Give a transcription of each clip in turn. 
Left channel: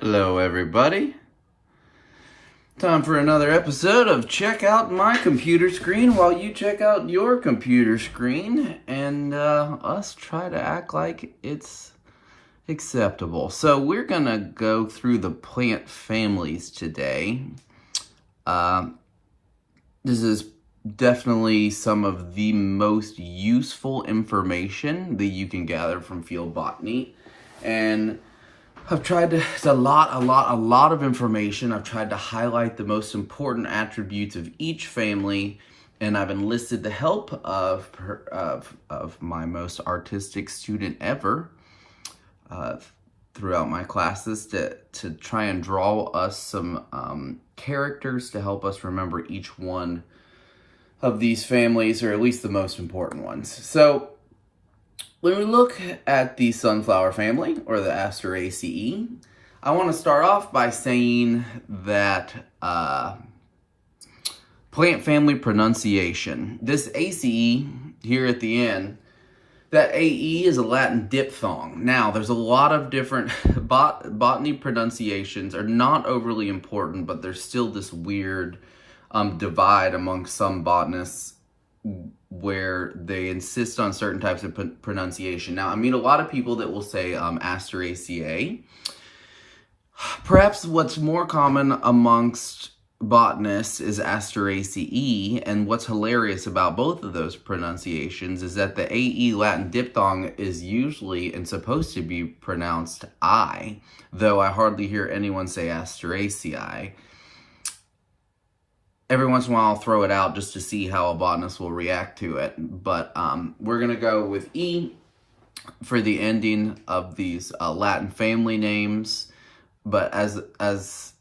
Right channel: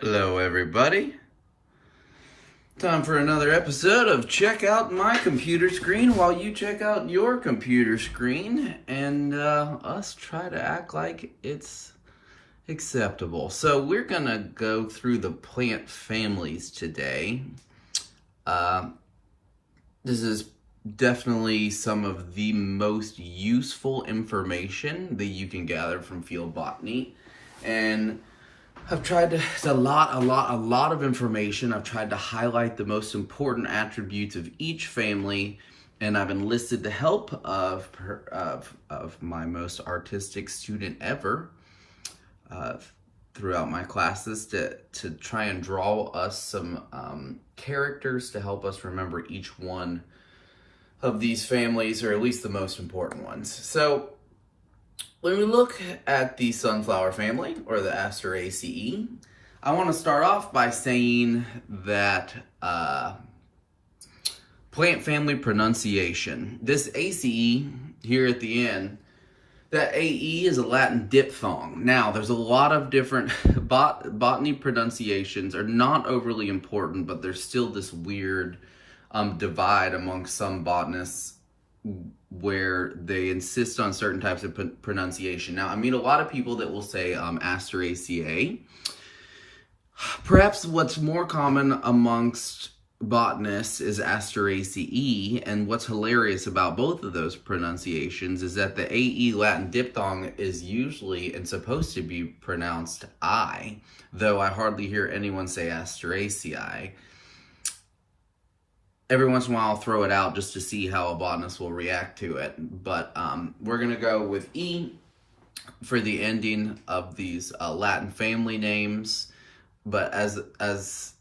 Hello everybody. Time for another episode of Check Out My Computer Screen while you check out your computer screen and us try to act like it's acceptable. So we're gonna go through the plant families today. This is definitely some of the most useful information that you can gather from field botany, and I've tried to, it's a lot of information. I've tried to highlight the most important attributes of each family, and I've enlisted the help of my most artistic student ever throughout my classes to try and draw us some characters to help us remember each one of these families, or at least the most important ones. So when we look at the sunflower family, or the Asteraceae, I want to start off by saying that plant family pronunciation. This ACE here at the end, that AE is a Latin diphthong. Now, there's a lot of different botany pronunciations are not overly important, but there's still this weird divide among some botanists where they insist on certain types of pronunciation. Now, I mean, a lot of people that will say Asteraceae. Perhaps what's more common amongst botanists is Asteraceae, and what's hilarious about both of those pronunciations is that the AE Latin diphthong is usually and supposed to be pronounced I, though I hardly hear anyone say Asteraceae. Every once in a while I'll throw it out just to see how a botanist will react to it, but we're going to go with E for the ending of these Latin family names, but as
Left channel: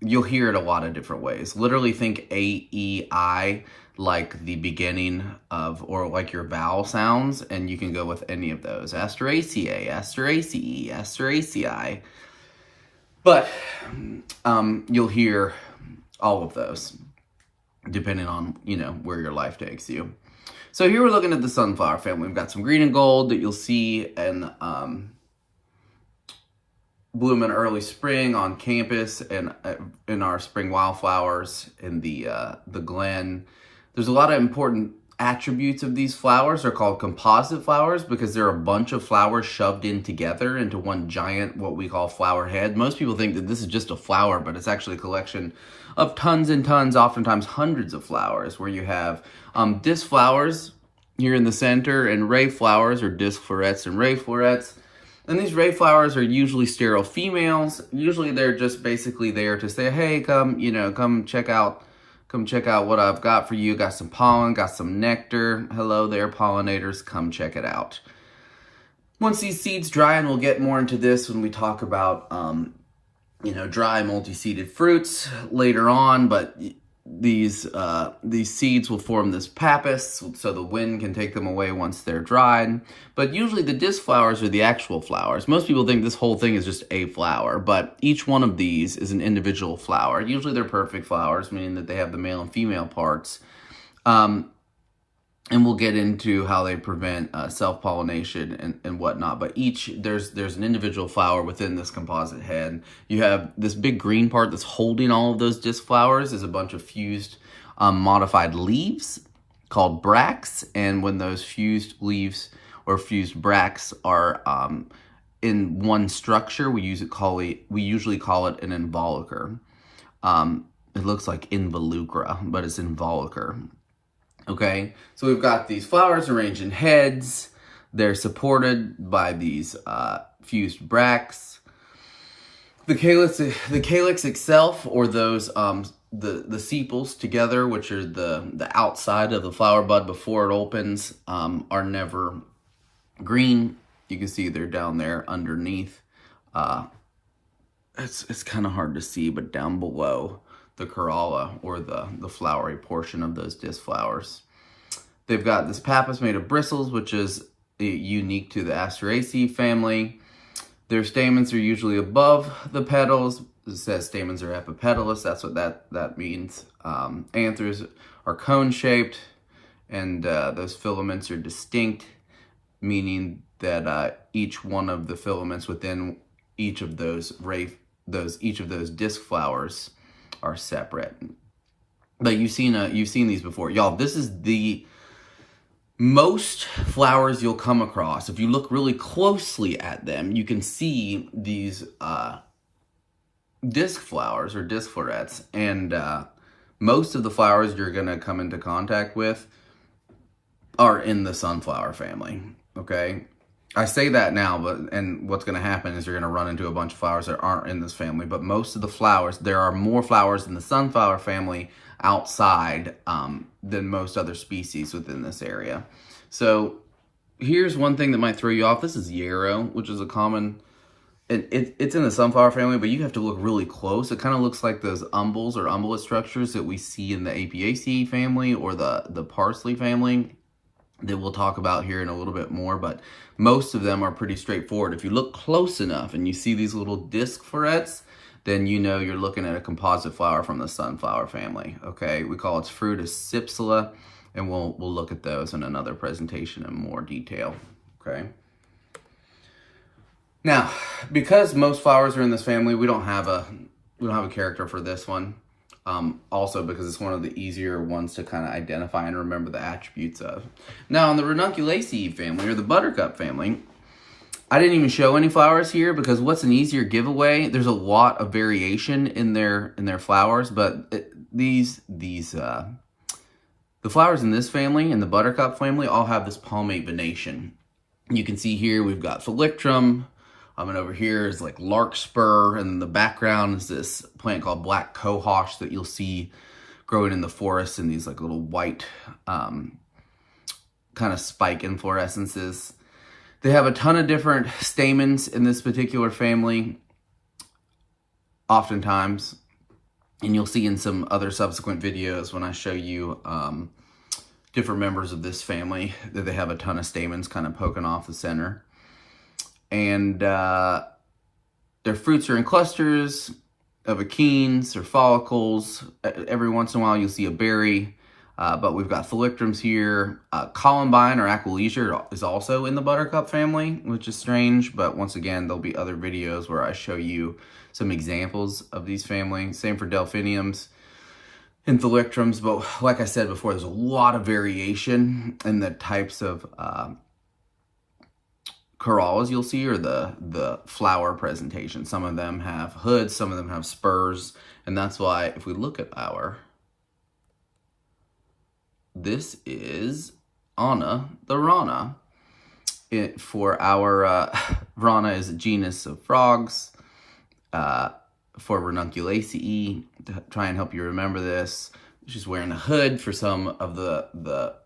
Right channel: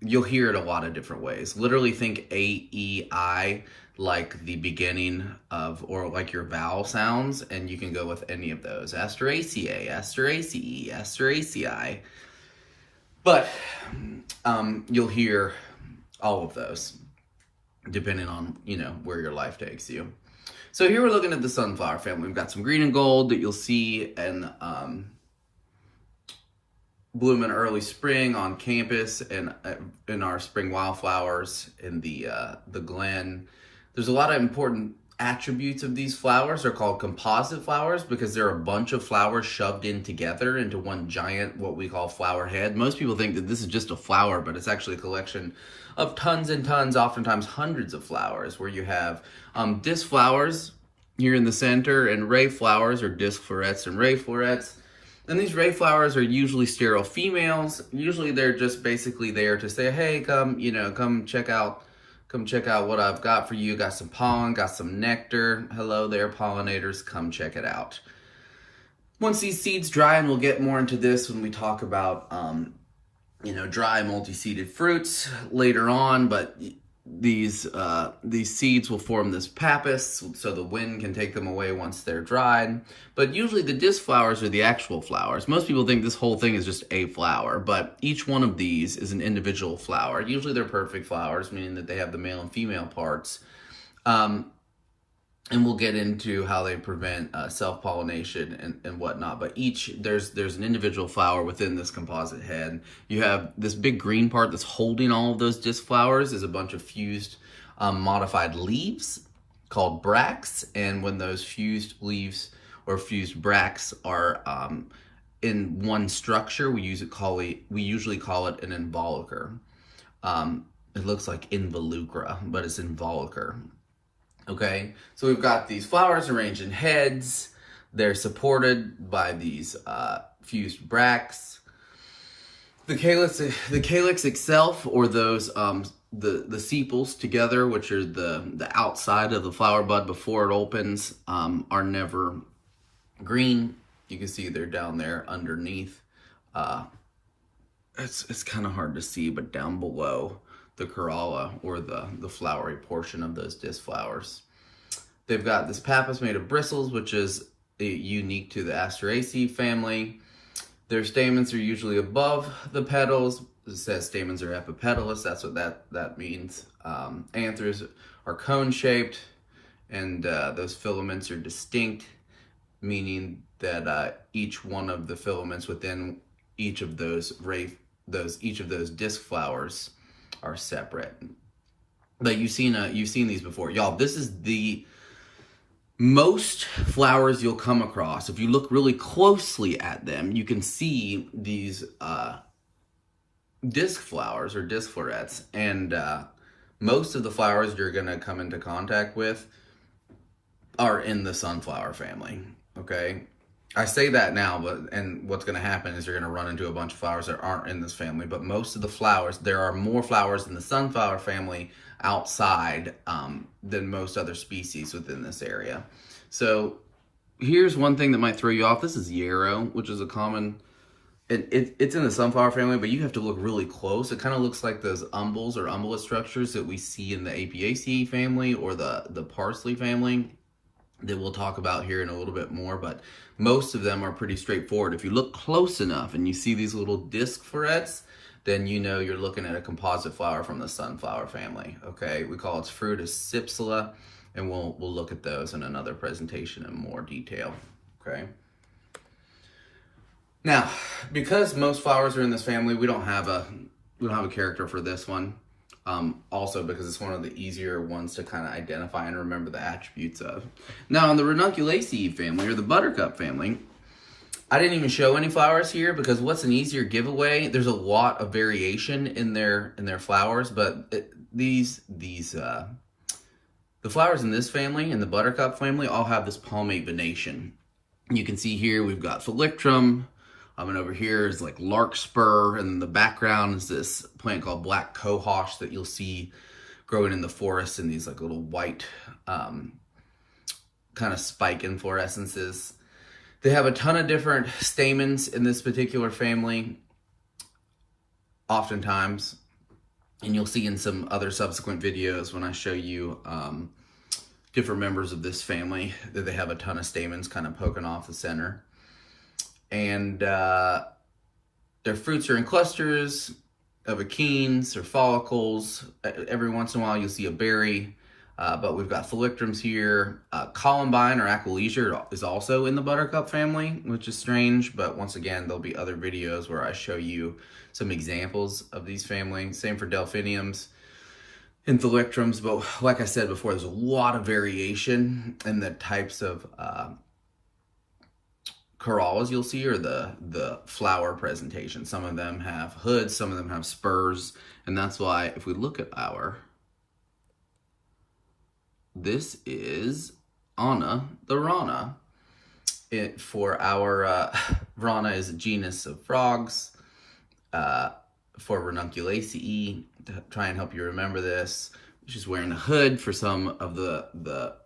you'll hear it a lot of different ways. Literally think A-E-I like the beginning of, or like your vowel sounds, and you can go with any of those. Asteraceae, Asteraceae, Asteraceae. But you'll hear all of those depending on, where your life takes you. So here we're looking at the sunflower family. We've got some green and gold that you'll see and bloom in early spring on campus and in our spring wildflowers in the glen. There's a lot of important attributes of these flowers. They're called composite flowers because they're a bunch of flowers shoved in together into one giant, what we call flower head. Most people think that this is just a flower, but it's actually a collection of tons and tons, oftentimes hundreds of flowers, where you have disc flowers here in the center and ray flowers, or disc florets and ray florets. And these ray flowers are usually sterile females. Usually they're just basically there to say, hey, come check out what I've got for you. Got some pollen, got some nectar. Hello there, pollinators, come check it out. Once these seeds dry, and we'll get more into this when we talk about dry multi-seeded fruits later on, but these seeds will form this pappus, so the wind can take them away once they're dried. But usually the disc flowers are the actual flowers. Most people think this whole thing is just a flower, but each one of these is an individual flower. Usually they're perfect flowers, meaning that they have the male and female parts. And we'll get into how they prevent self-pollination and whatnot. But there's an individual flower within this composite head. You have this big green part that's holding all of those disc flowers is a bunch of fused modified leaves called bracts. And when those fused leaves or fused bracts are in one structure, we usually call it an involucre. It looks like involucra, but it's involucre. Okay, so we've got these flowers arranged in heads. They're supported by these fused bracts. The calyx itself, or those the sepals together, which are the outside of the flower bud before it opens, are never green. You can see they're down there underneath. It's kind of hard to see, but down below the corolla, or the flowery portion of those disc flowers. They've got this pappus made of bristles, which is unique to the Asteraceae family. Their stamens are usually above the petals. It says stamens are epipetalous. That's what that means. Anthers are cone-shaped, and those filaments are distinct, meaning that each one of the filaments within each of those each of those disc flowers are separate. But you've seen these before. Y'all, this is the most flowers you'll come across. If you look really closely at them, you can see these disc flowers or disc florets. And most of the flowers you're going to come into contact with are in the sunflower family, okay? I say that now, and what's going to happen is you're going to run into a bunch of flowers that aren't in this family. But most of the flowers, there are more flowers in the sunflower family outside than most other species within this area. So here's one thing that might throw you off. This is yarrow, which is a common, it's in the sunflower family, but you have to look really close. It kind of looks like those umbels or umbellate structures that we see in the Apiaceae family or the parsley family that we'll talk about here in a little bit more, but most of them are pretty straightforward. If you look close enough and you see these little disc florets, then you know you're looking at a composite flower from the sunflower family, okay? We call its fruit a cypsela, and we'll look at those in another presentation in more detail, okay? Now, because most flowers are in this family, we don't have a character for this one. Also because it's one of the easier ones to kind of identify and remember the attributes of. Now, in the Ranunculaceae family, or the buttercup family, I didn't even show any flowers here because what's an easier giveaway? There's a lot of variation in their flowers, but the flowers in this family, in the buttercup family, all have this palmate venation. You can see here we've got thalictrum, and over here is like larkspur, and in the background is this plant called black cohosh that you'll see growing in the forest in these like little white kind of spike inflorescences. They have a ton of different stamens in this particular family, oftentimes, and you'll see in some other subsequent videos when I show you different members of this family that they have a ton of stamens kind of poking off the center. And their fruits are in clusters of achenes or follicles. Every once in a while you'll see a berry. But we've got thalictrums here. Columbine or aquilegia is also in the buttercup family, which is strange. But once again, there'll be other videos where I show you some examples of these families. Same for delphiniums and thalictrums. But like I said before, there's a lot of variation in the types of corollas you'll see, or the flower presentation. Some of them have hoods, some of them have spurs. And that's why if we look at this is Anna the Rana. For our Rana is a genus of frogs. For Ranunculaceae, to try and help you remember this, she's wearing a hood. For some of the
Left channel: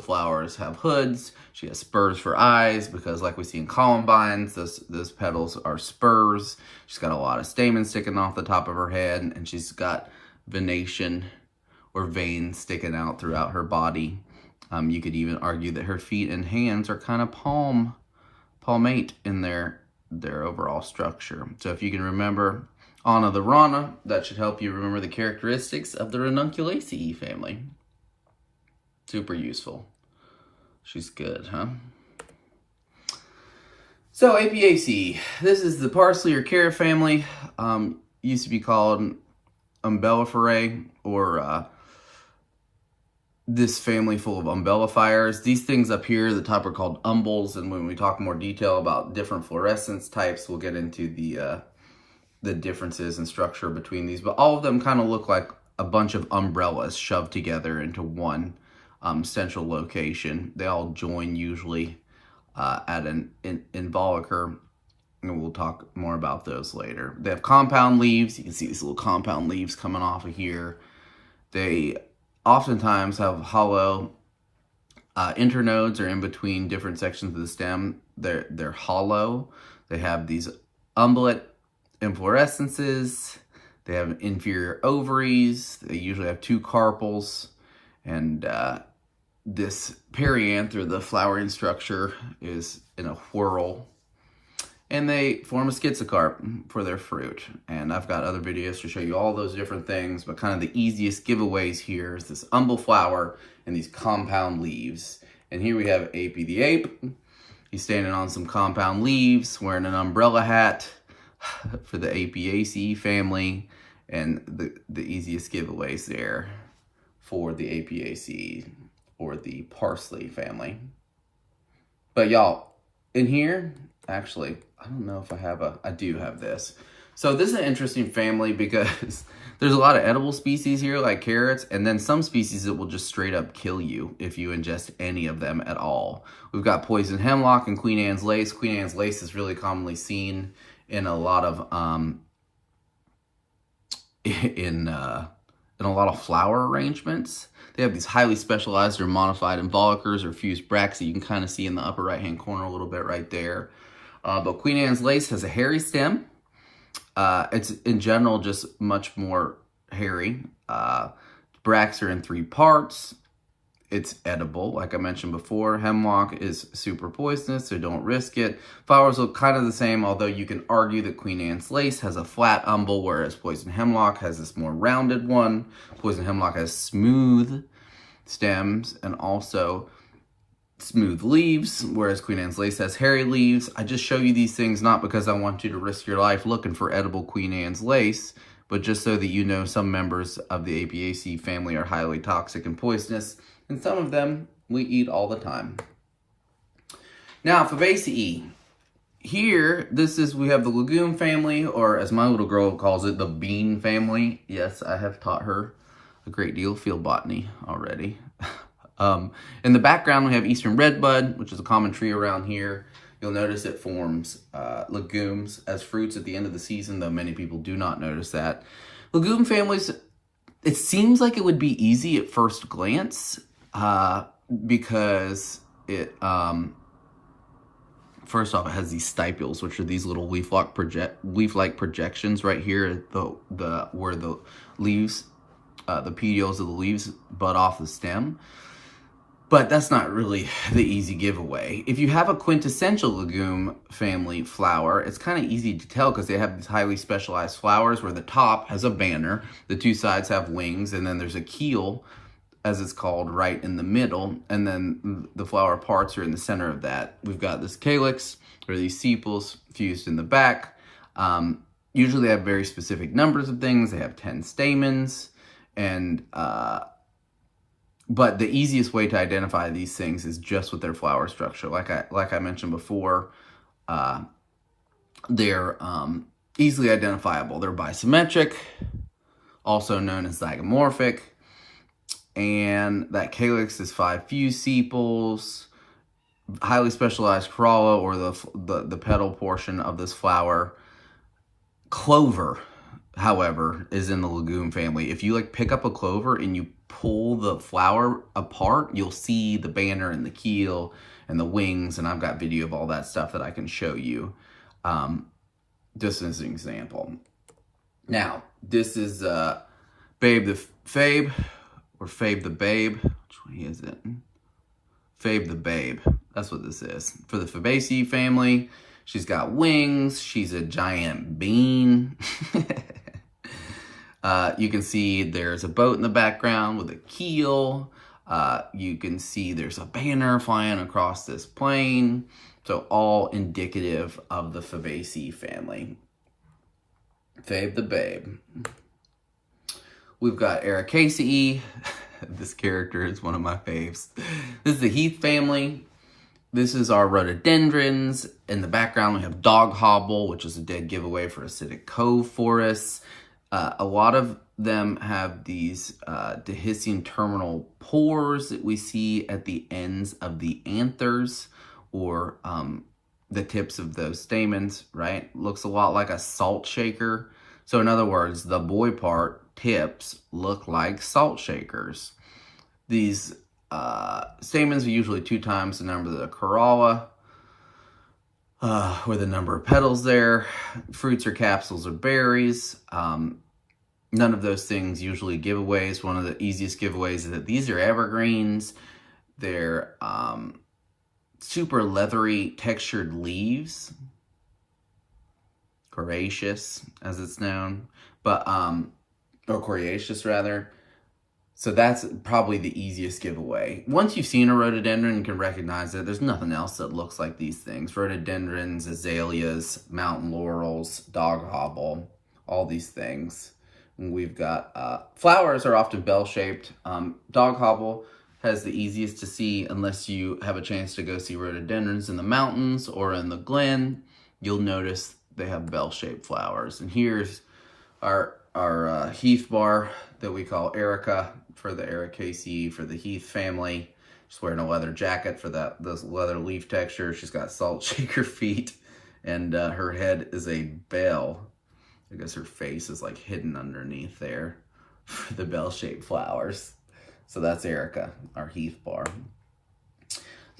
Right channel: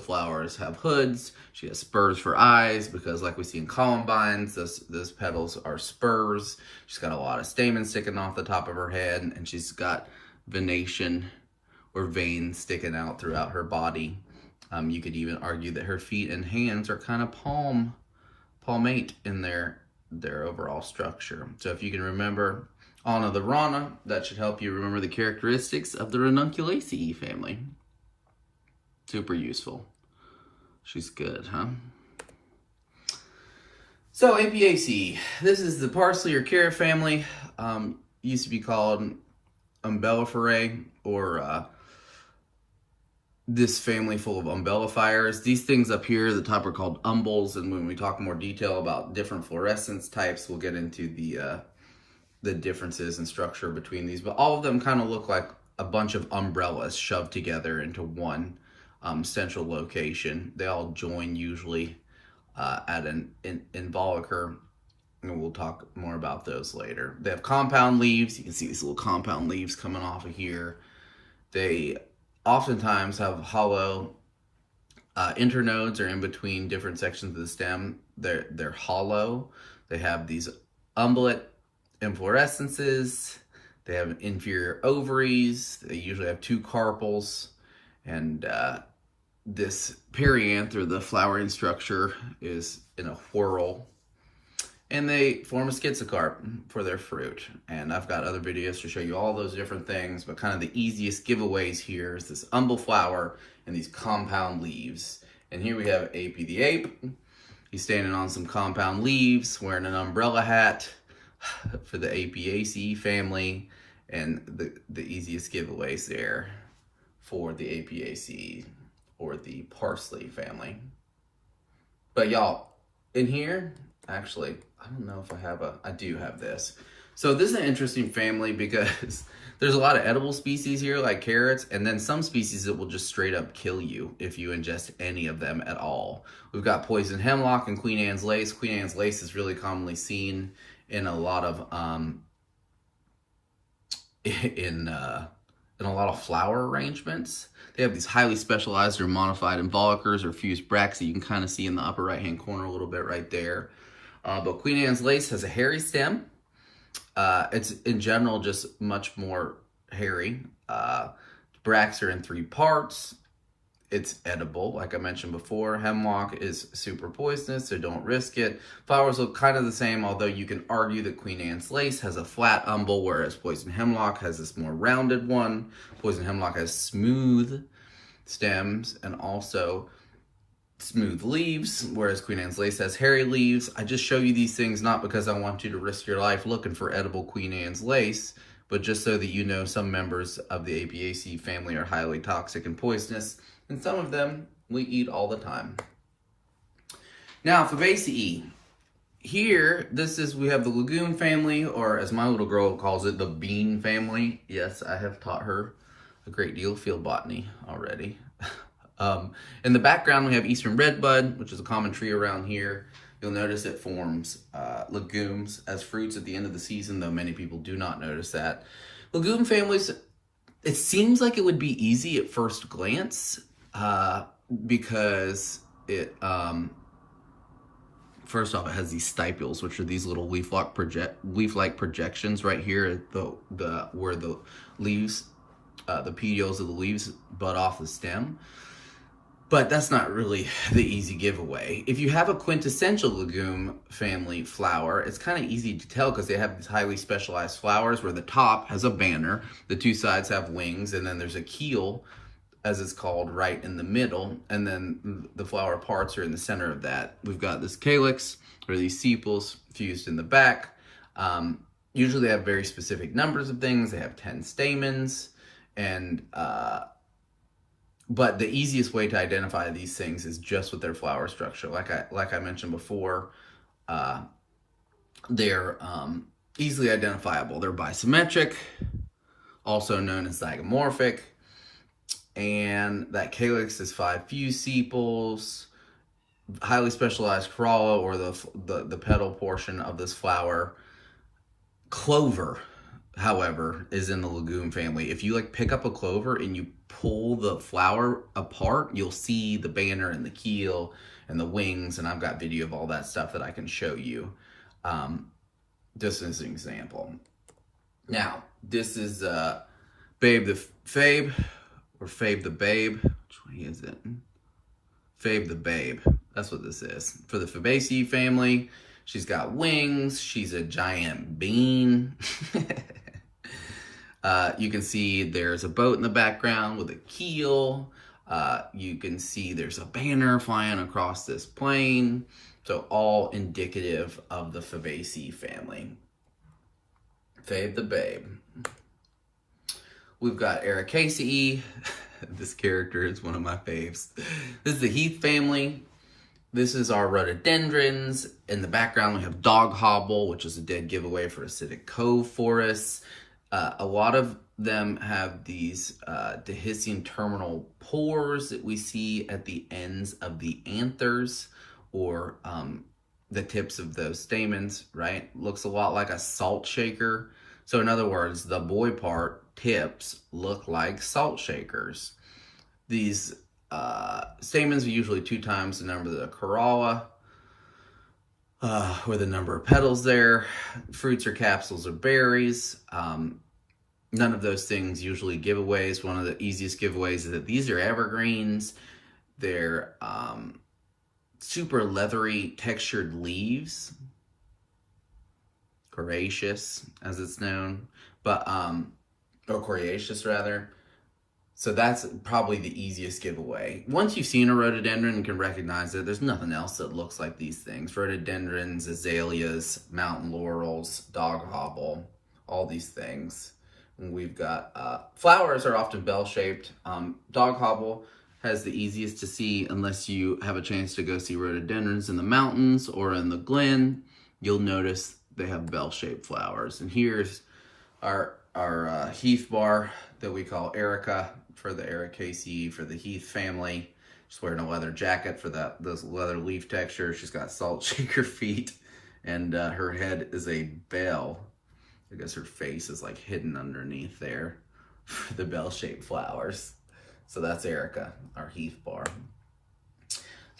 flowers have hoods. She has spurs for eyes because, like we see in columbines, those petals are spurs. She's got a lot of stamens sticking off the top of her head, and she's got venation or veins sticking out throughout her body. You could even argue that her feet and hands are kind of palmate in their overall structure. So if you can remember Anna the Rana, that should help you remember the characteristics of the Ranunculaceae family. Super useful. She's good, huh? So Apiaceae, this is the parsley or carrot family. Used to be called umbelliferae, or this family full of umbellifiers. These things up here at the top are called umbels, and when we talk more detail about different fluorescence types, we'll get into the differences in structure between these. But all of them kind of look like a bunch of umbrellas shoved together into one central location. They all join usually at an involucre, and we'll talk more about those later. They have compound leaves. You can see these little compound leaves coming off of here. They oftentimes have hollow internodes, or in between different sections of the stem. They're hollow. They have these umbellate inflorescences. They have inferior ovaries. They usually have 2 carpels, and this perianther, the flowering structure, is in a whorl, and they form a schizocarp for their fruit. And I've got other videos to show you all those different things, but kind of the easiest giveaways here is this umbel flower and these compound leaves. And here we have Apy the ape. He's standing on some compound leaves, wearing an umbrella hat. for the Apiaceae family, and the easiest giveaways there for the Apiaceae or the parsley family. But y'all, in here, actually, I don't know if I do have this. So this is an interesting family because there's a lot of edible species here, like carrots, and then some species that will just straight up kill you if you ingest any of them at all. We've got poison hemlock and Queen Anne's lace. Queen Anne's lace is really commonly seen in a lot of in a lot of flower arrangements. They have these highly specialized or modified involucres or fused bracts that you can kind of see in the upper right hand corner a little bit right there. But Queen Anne's lace has a hairy stem. It's in general just much more hairy. Bracts are in 3 parts. It's edible, like I mentioned before. Hemlock is super poisonous, so don't risk it. Flowers look kind of the same, although you can argue that Queen Anne's lace has a flat umbel, whereas poison hemlock has this more rounded one. Poison hemlock has smooth stems and also smooth leaves, whereas Queen Anne's lace has hairy leaves. I just show you these things not because I want you to risk your life looking for edible Queen Anne's lace, but just so that you know some members of the Apiaceae family are highly toxic and poisonous, and some of them we eat all the time. Now, Fabaceae. Here, we have the legume family, or as my little girl calls it, the bean family. Yes, I have taught her a great deal of field botany already. In the background, we have eastern redbud, which is a common tree around here. You'll notice it forms legumes as fruits at the end of the season, though many people do not notice that. Legume families, it seems like it would be easy at first glance because it, first off, it has these stipules, which are these little leaf-like projections right here, where the leaves, the petioles of the leaves bud off the stem. But that's not really the easy giveaway. If you have a quintessential legume family flower, it's kind of easy to tell because they have these highly specialized flowers where the top has a banner, the 2 sides have wings, and then there's a keel, as it's called, right in the middle, and then the flower parts are in the center of that. We've got this calyx, or these sepals, fused in the back. Usually they have very specific numbers of things. They have 10 stamens, and but the easiest way to identify these things is just with their flower structure. Like I mentioned before, they're easily identifiable. They're bisymmetric, also known as zygomorphic, and that calyx is 5 fused sepals, highly specialized corolla, or the petal portion of this flower. Clover, however, is in the legume family. If you pick up a clover and you pull the flower apart, you'll see the banner and the keel and the wings, and I've got video of all that stuff that I can show you just as an example. Now, this is Babe the Fabe, or Fabe the Babe. Which way is it? Fabe the Babe. That's what this is. For the Fabaceae family, she's got wings. She's a giant bean. You can see there's a boat in the background with a keel. You can see there's a banner flying across this plain. So all indicative of the Fabaceae family. Fabe the Babe. We've got Ericaceae. This character is one of my faves. This is the heath family. This is our rhododendrons. In the background, we have dog hobble, which is a dead giveaway for acidic cove forests. A lot of them have these dehiscent terminal pores that we see at the ends of the anthers, or the tips of those stamens, right? Looks a lot like a salt shaker. So in other words, the boy part tips look like salt shakers. These stamens are usually 2 times the number of the corolla, with a number of petals there. Fruits or capsules or berries. None of those things usually giveaways. One of the easiest giveaways is that these are evergreens. They're super leathery textured leaves. Coriaceous, as it's known. But, or coriaceous rather. So that's probably the easiest giveaway. Once you've seen a rhododendron and can recognize it, there's nothing else that looks like these things. Rhododendrons, azaleas, mountain laurels, dog hobble, all these things. And we've got, flowers are often bell-shaped. Dog hobble has the easiest to see unless you have a chance to go see rhododendrons in the mountains or in the glen. You'll notice they have bell-shaped flowers. And here's our heath bar that we call Erica, for the Ericaceae, for the heath family. She's wearing a leather jacket for this leather leaf texture. She's got salt shaker feet, and her head is a bell. I guess her face is like hidden underneath there for the bell-shaped flowers. So that's Erica, our heath bar.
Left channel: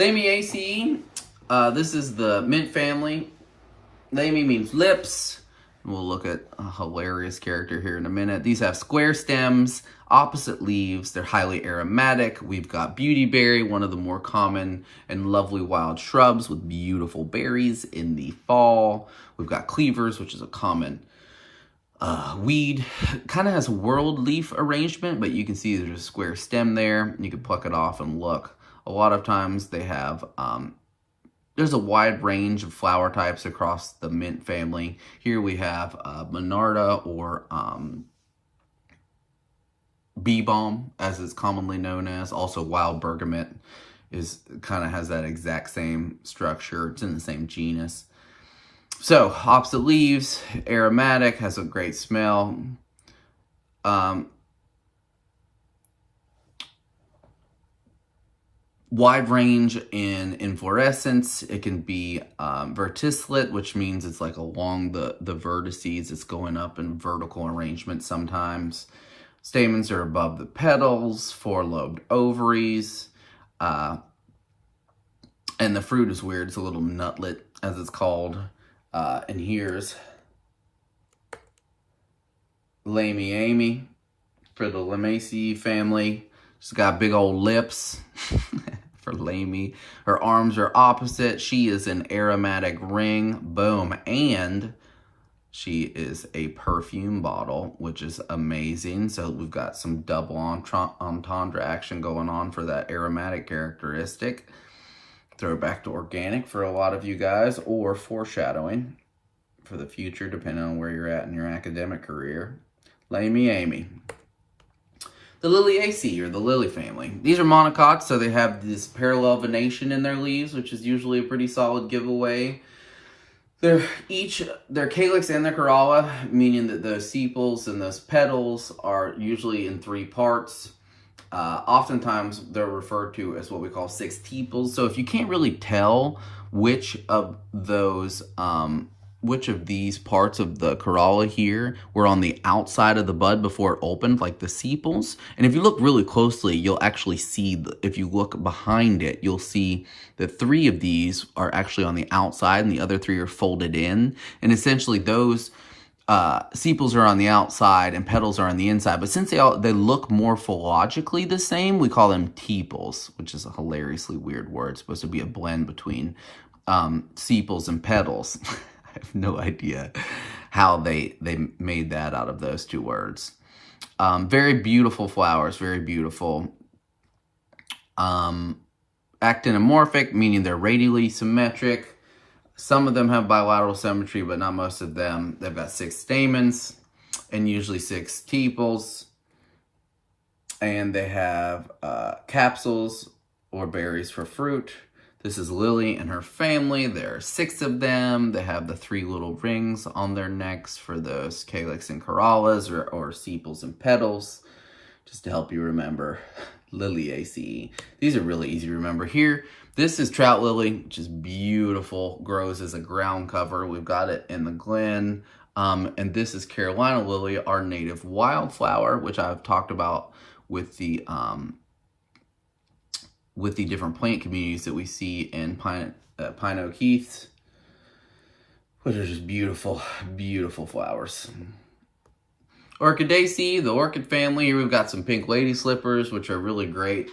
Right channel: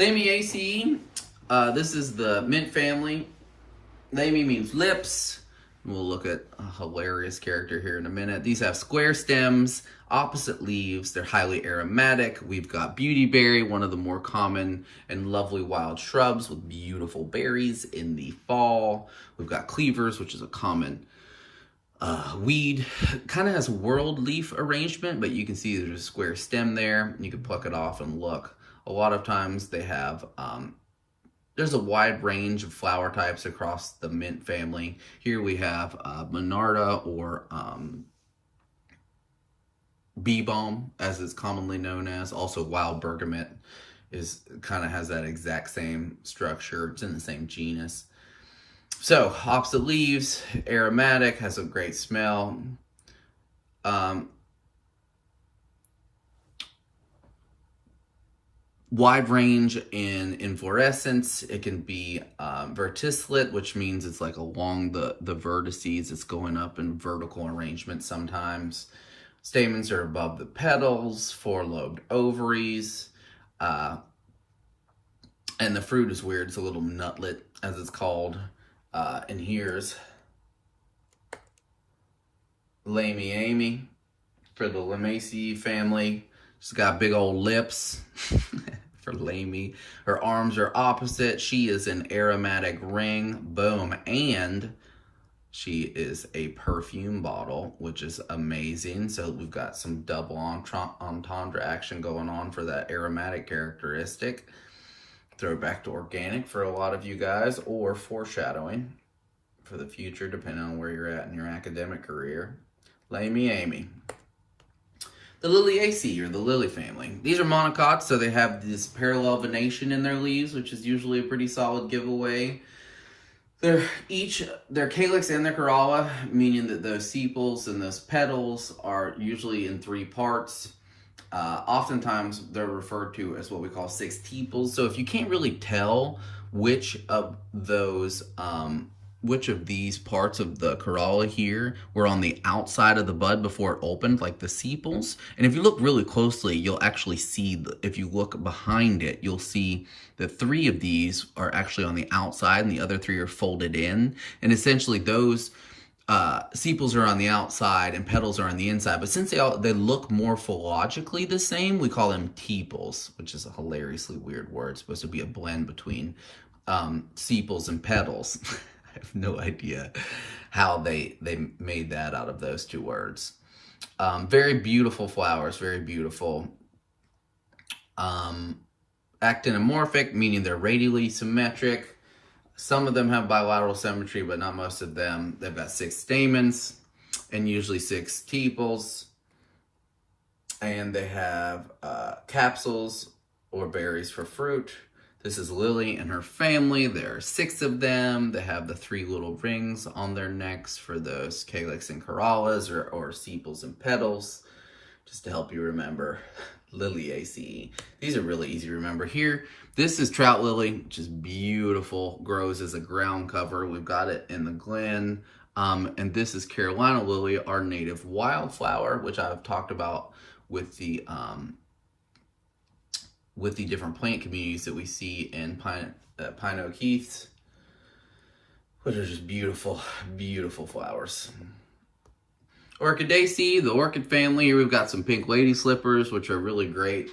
Lamiaceae, this is the mint family. Lamy means lips. We'll look at a hilarious character here in a minute. These have square stems, opposite leaves. They're highly aromatic. We've got beautyberry, one of the more common and lovely wild shrubs with beautiful berries in the fall. We've got cleavers, which is a common weed. Kind of has a whorled leaf arrangement, but you can see there's a square stem there. You can pluck it off and look. A lot of times they have there's a wide range of flower types across the mint family. Here we have Monarda, or bee balm, as it's commonly known as. Also, wild bergamot kind of has that exact same structure. It's in the same genus. So, opposite leaves, aromatic, has a great smell. Wide range in inflorescence. It can be verticillate, which means it's like along the vertices. It's going up in vertical arrangement sometimes. Stamens are above the petals, four-lobed ovaries. And the fruit is weird. It's a little nutlet, as it's called. And here's Lamiaceae for the Lamiaceae family. She's got big old lips for Lamy. Her arms are opposite. She is an aromatic ring. Boom. And she is a perfume bottle, which is amazing. So we've got some double entendre action going on for that aromatic characteristic. Throw it back to organic for a lot of you guys, or foreshadowing for the future, depending on where you're at in your academic career. Lamiaceae. The Liliaceae, or the lily family. These are monocots, so they have this parallel venation in their leaves, which is usually a pretty solid giveaway. They're their calyx and their corolla, meaning that those sepals and those petals are usually in three parts. Oftentimes, they're referred to as what we call sextuples. So if you can't really tell which of these parts of the corolla here were on the outside of the bud before it opened, like the sepals. And if you look really closely, you'll actually see, if you look behind it, you'll see that three of these are actually on the outside and the other three are folded in. And essentially those sepals are on the outside and petals are on the inside. But since they look morphologically the same, we call them tepals, which is a hilariously weird word. It's supposed to be a blend between sepals and petals. I have no idea how they made that out of those two words. Very beautiful flowers, very beautiful. Actinomorphic, meaning they're radially symmetric. Some of them have bilateral symmetry, but not most of them. They've got 6 stamens and usually 6 tepals. And they have capsules or berries for fruit. This is Lily and her family. There are 6 of them. They have the 3 little rings on their necks for those calyx and corollas, or sepals and petals, just to help you remember Liliaceae. These are really easy to remember. Here, this is trout lily, which is beautiful, grows as a ground cover. We've got it in the glen. And this is Carolina lily, our native wildflower, which I've talked about with the different plant communities that we see in pine oak heaths, which are just beautiful, beautiful flowers. Orchidaceae, the orchid family. Here we've got some pink lady slippers, which are really great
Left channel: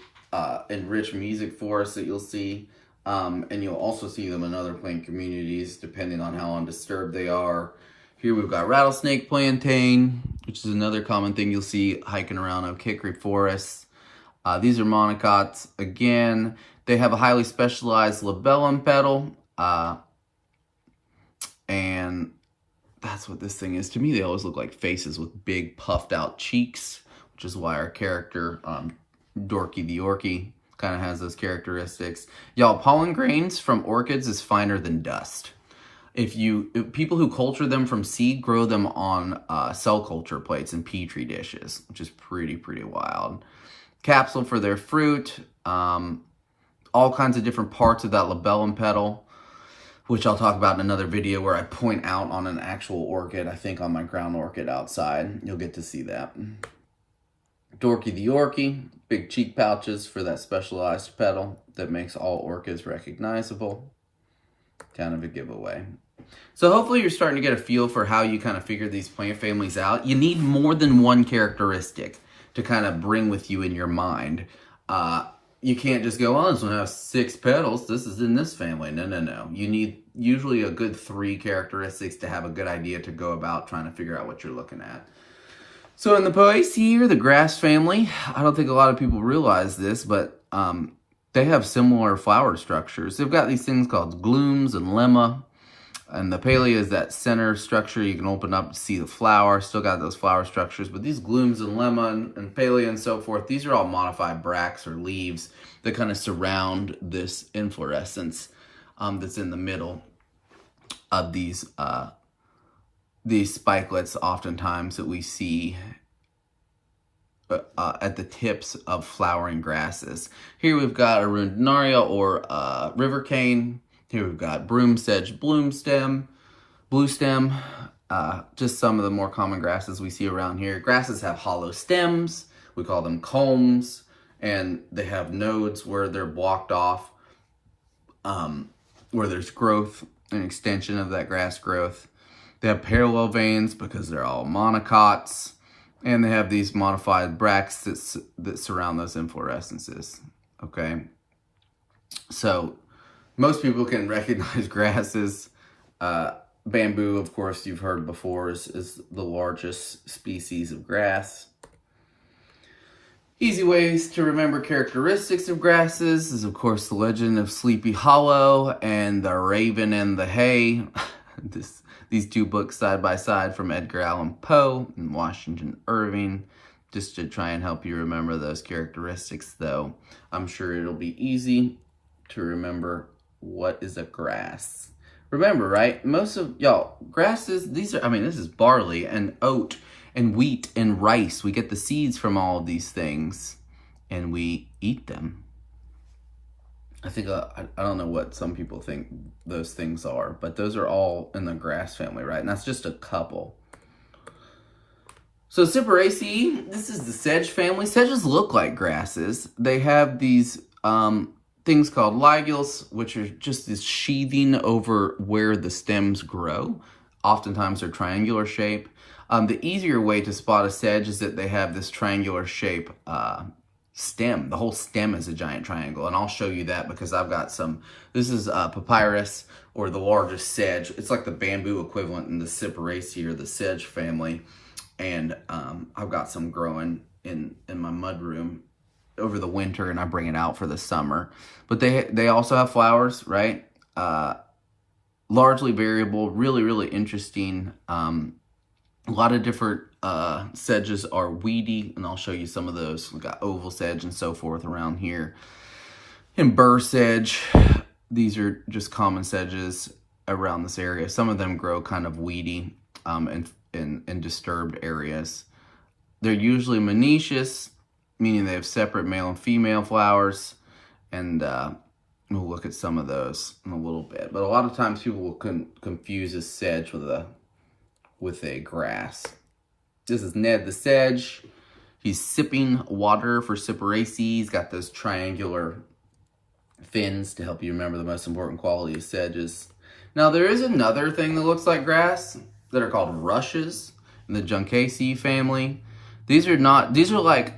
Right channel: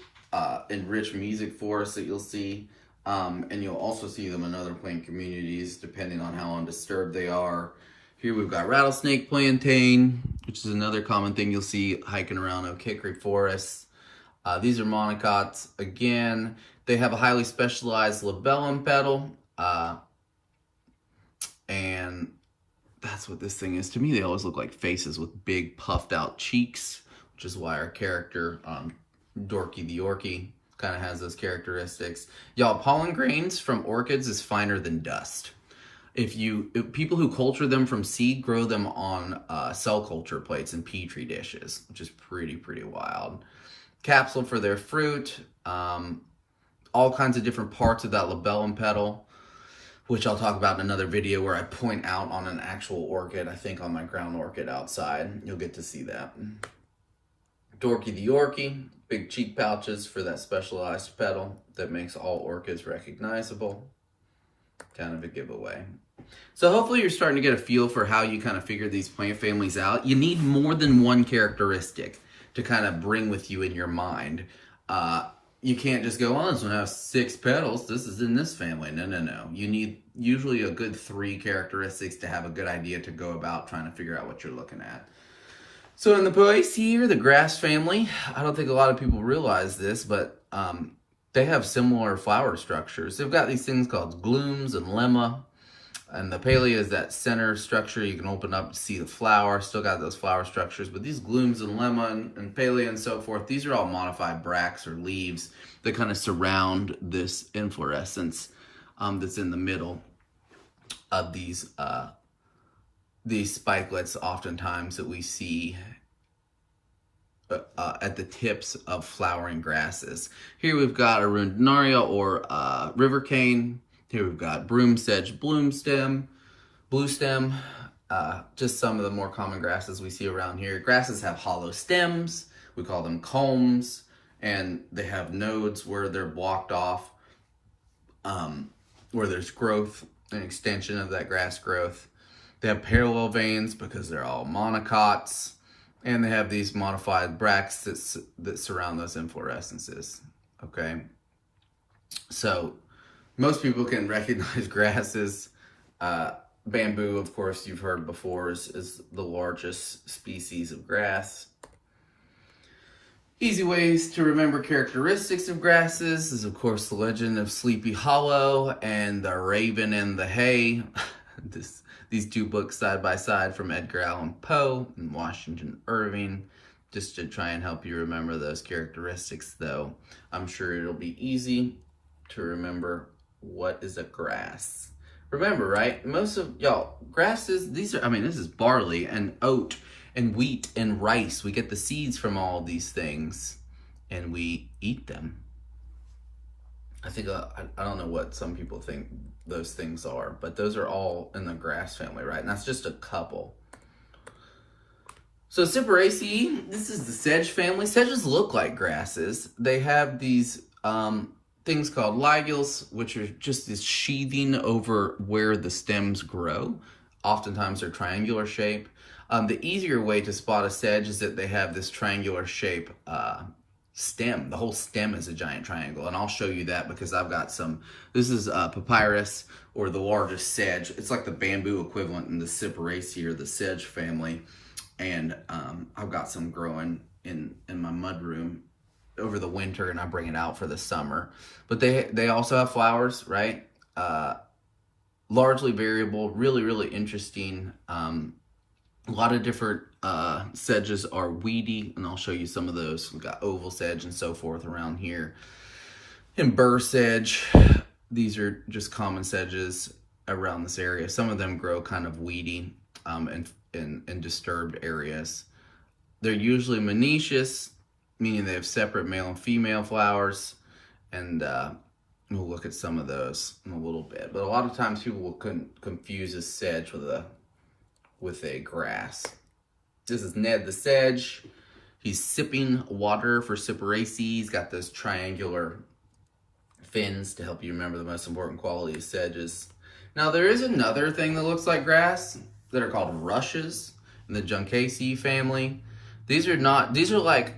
and rich music for us that you'll see. And you'll also see them in other plant communities, depending on how undisturbed they are. Here we've got rattlesnake plantain, which is another common thing you'll see hiking around oak hickory forests. These are monocots. Again, they have a highly specialized labellum petal, and that's what this thing is. To me, they always look like faces with big puffed out cheeks, which is why our character, Dorky the Orchid, kind of has those characteristics. Y'all, pollen grains from orchids is finer than dust. If people who culture them from seed grow them on cell culture plates and petri dishes, which is pretty wild. Capsule for their fruit, all kinds of different parts of that labellum petal, which I'll talk about in another video where I point out on an actual orchid, I think on my ground orchid outside. You'll get to see that. Dorky the Orchid, big cheek pouches for that specialized petal that makes all orchids recognizable. Kind of a giveaway. So hopefully you're starting to get a feel for how you kind of figure these plant families out. You need more than one characteristic to kind of bring with you in your mind. You can't just go, oh, this one has 6 petals. This is in this family. No. You need usually a good 3 characteristics to have a good idea to go about trying to figure out what you're looking at. So in the Poaceae, the grass family, I don't think a lot of people realize this, but they have similar flower structures. They've got these things called glooms and lemma. And the palea is that center structure. You can open up to see the flower. Still got those flower structures. But these glooms and lemma and palea and so forth, these are all modified bracts or leaves that kind of surround this inflorescence that's in the middle of these spikelets oftentimes that we see at the tips of flowering grasses. Here we've got arundinaria or river cane. Here we've got broom sedge blue stem, just some of the more common grasses we see around here. Grasses have hollow stems, we call them culms, and they have nodes where they're blocked off, where there's growth and extension of that grass growth. They have parallel veins because they're all monocots, and they have these modified bracts that surround those inflorescences, okay? So most people can recognize grasses. Bamboo, of course, you've heard before, is the largest species of grass. Easy ways to remember characteristics of grasses is, of course, the Legend of Sleepy Hollow and The Raven and the Hay. These 2 books side by side from Edgar Allan Poe and Washington Irving, just to try and help you remember those characteristics, though I'm sure it'll be easy to remember what is a grass. Remember, right? Most of y'all, grasses, this is barley and oat and wheat and rice. We get the seeds from all of these things and we eat them. I think, I don't know what some people think those things are, but those are all in the grass family, right? And that's just a couple. So Cyperaceae, this is the sedge family. Sedges look like grasses. They have these things called ligules, which are just this sheathing over where the stems grow. Oftentimes they're triangular shape. The easier way to spot a sedge is that they have this triangular shape stem. The whole stem is a giant triangle, and I'll show you that because I've got some. This is papyrus, or the largest sedge. It's like the bamboo equivalent in the Cyperaceae or the sedge family, and I've got some growing in my mud room over the winter, and I bring it out for the summer. But they also have flowers, right? Largely variable, really interesting. A lot of different sedges are weedy, and I'll show you some of those. We've got oval sedge and so forth around here. And burr sedge, these are just common sedges around this area. Some of them grow kind of weedy in disturbed areas. They're usually monoecious, meaning they have separate male and female flowers, and we'll look at some of those in a little bit. But a lot of times people will confuse a sedge with a grass. This is Ned the Sedge. He's sipping water for Cyperaceae. He's got those triangular fins to help you remember the most important quality of sedges. Now there is another thing that looks like grass that are called rushes in the Juncaceae family. These are like,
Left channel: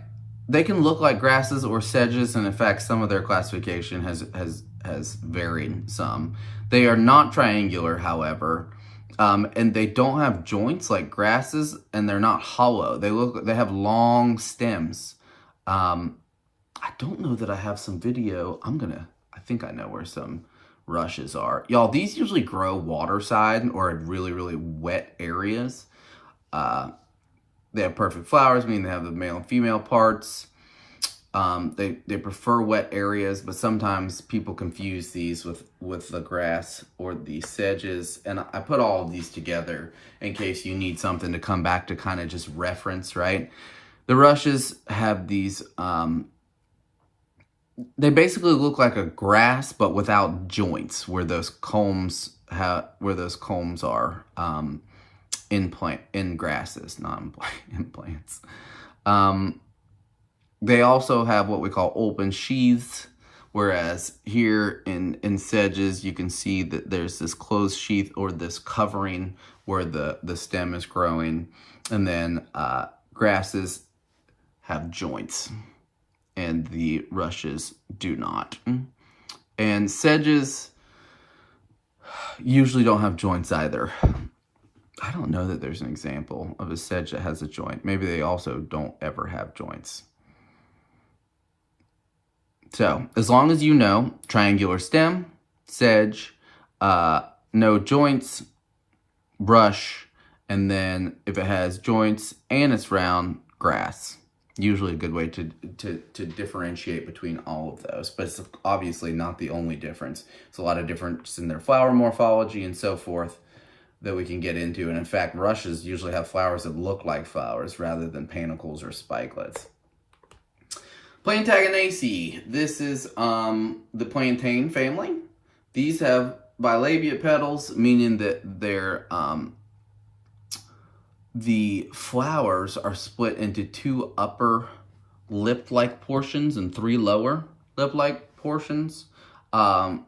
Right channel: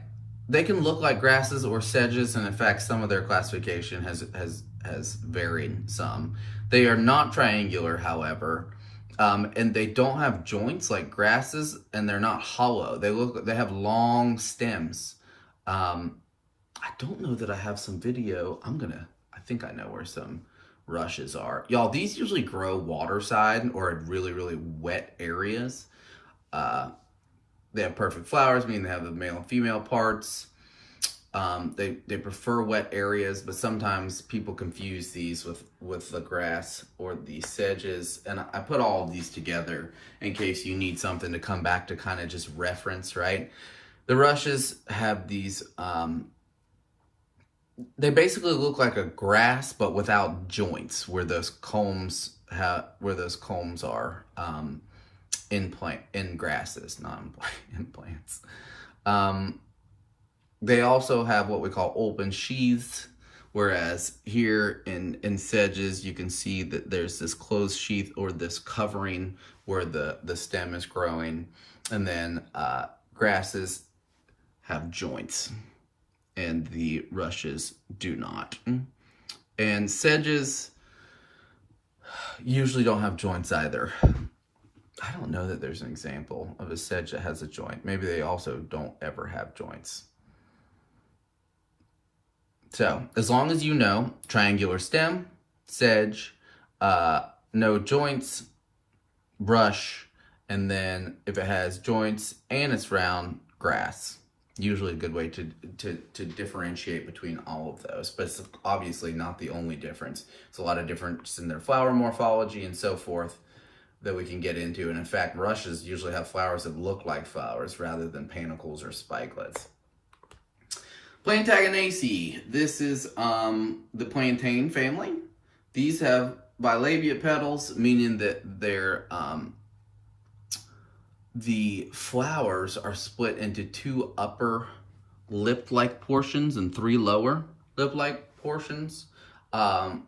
they can look like grasses or sedges, and in fact some of their classification has varied some. They are not triangular, however. And they don't have joints like grasses, and they're not hollow. They have long stems. I don't know that I have some video. I think I know where some rushes are. Y'all, these usually grow waterside or at really, really wet areas. They have perfect flowers, meaning they have the male and female parts. They prefer wet areas, but sometimes people confuse these with the grass or the sedges. And I put all of these together in case you need something to come back to kind of just reference, right? The rushes have these, they basically look like a grass, but without joints where those culms are, in grasses, not in plants. They also have what we call open sheaths, whereas here in sedges, you can see that there's this closed sheath or this covering where the stem is growing. And then grasses have joints, and the rushes do not. And sedges usually don't have joints either. I don't know that there's an example of a sedge that has a joint. Maybe they also don't ever have joints. So, as long as you know, triangular stem, sedge, no joints, brush, and then if it has joints and it's round, grass. Usually a good way to differentiate between all of those, but it's obviously not the only difference. It's a lot of difference in their flower morphology and so forth that we can get into. And in fact, rushes usually have flowers that look like flowers rather than panicles or spikelets. Plantaginaceae. This is the plantain family. These have bilabiate petals, meaning that they're the flowers are split into 2 upper lip-like portions and 3 lower lip-like portions. Plantago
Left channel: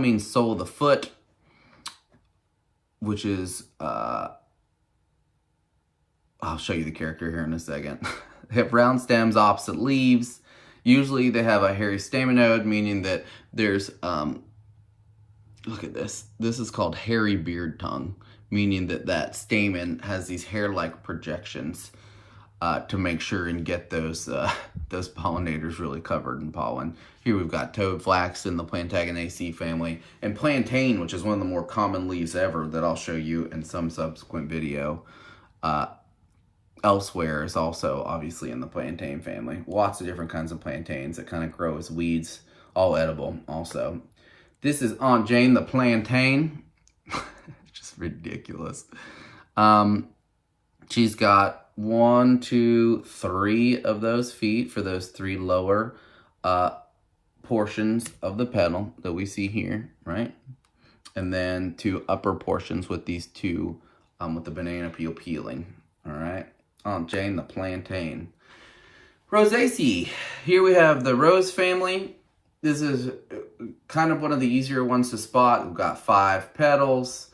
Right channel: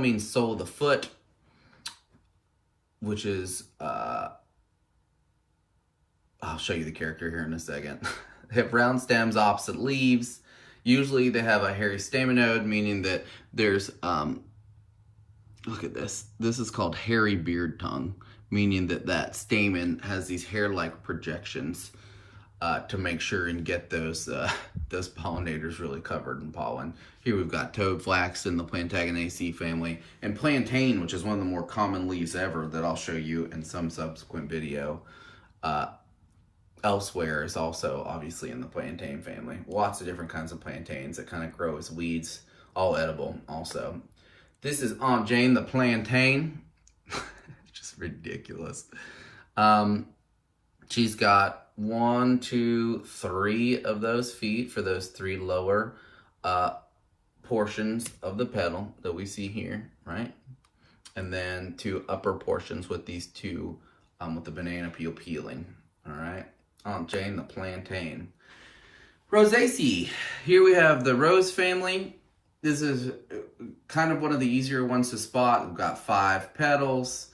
means sole of the foot, which is, I'll show you the character here in a second. They have round stems, opposite leaves. Usually they have a hairy staminode, meaning that there's, look at this. This is called hairy beard tongue, meaning that stamen has these hair-like projections to make sure and get those pollinators really covered in pollen. Here we've got toad flax in the Plantaginaceae family, and plantain, which is one of the more common leaves ever that I'll show you in some subsequent video. Elsewhere is also obviously in the plantain family. Lots of different kinds of plantains that kind of grow as weeds, all edible also. This is Aunt Jane the plantain. Just ridiculous. She's got 1, 2, 3 of those feet for those 3 lower portions of the petal that we see here, right? And then 2 upper portions with these 2 with the banana peel peeling, all right? Aunt Jane the plantain. Rosaceae. Here we have the rose family. This is kind of one of the easier ones to spot. We've got 5 petals.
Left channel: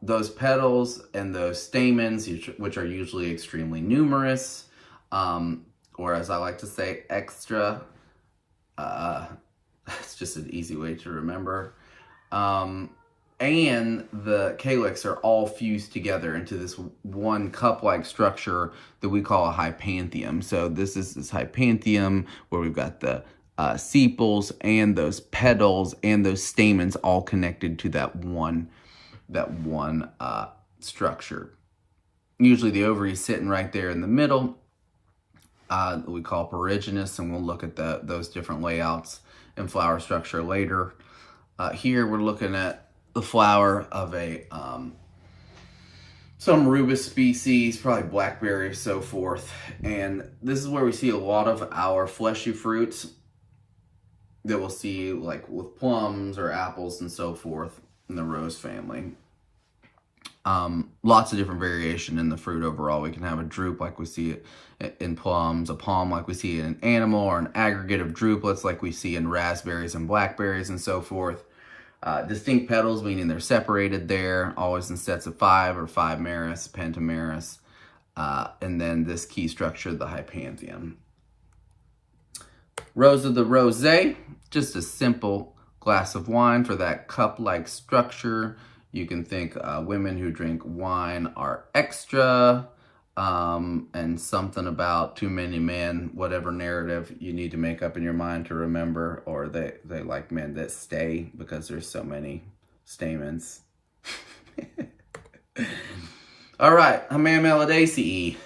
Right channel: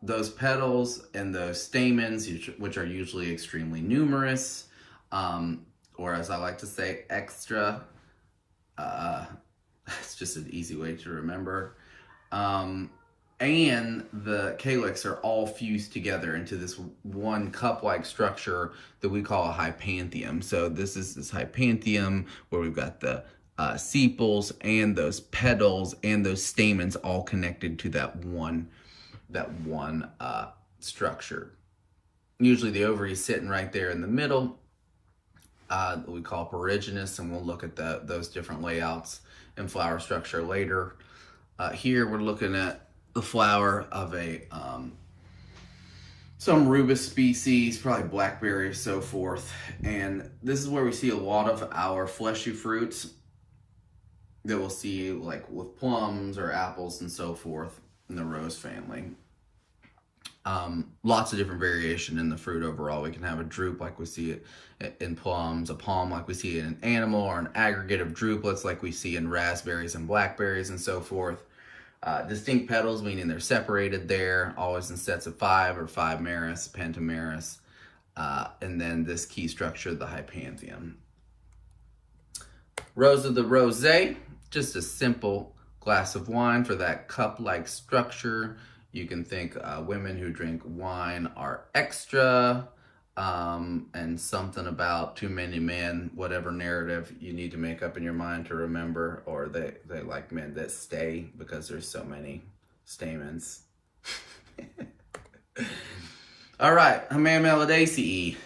Those petals and those stamens, which are usually extremely numerous, or as I like to say, extra. It's just an easy way to remember. And the calyx are all fused together into this one cup-like structure that we call a hypanthium. So this is this hypanthium where we've got the sepals and those petals and those stamens all connected to that one structure. Usually the ovary is sitting right there in the middle. We call porogenous, and we'll look at those different layouts and flower structure later. Here we're looking at the flower of some rubus species, probably blackberry, so forth. And this is where we see a lot of our fleshy fruits that we'll see like with plums or apples and so forth in the rose family. Lots of different variation in the fruit overall. We can have a drupe like we see it in plums, a palm like we see it in animal, or an aggregate of drupelets like we see in raspberries and blackberries and so forth. Distinct petals, meaning they're separated there, always in sets of 5 or 5 meris, pentameris, and then this key structure, the hypanthium. Rose of the rosé, just a simple glass of wine for that cup-like structure. You can think women who drink wine are extra, and something about too many men, whatever narrative you need to make up in your mind to remember, or they like men that stay because there's so many stamens. All right, Hammamelidaceae.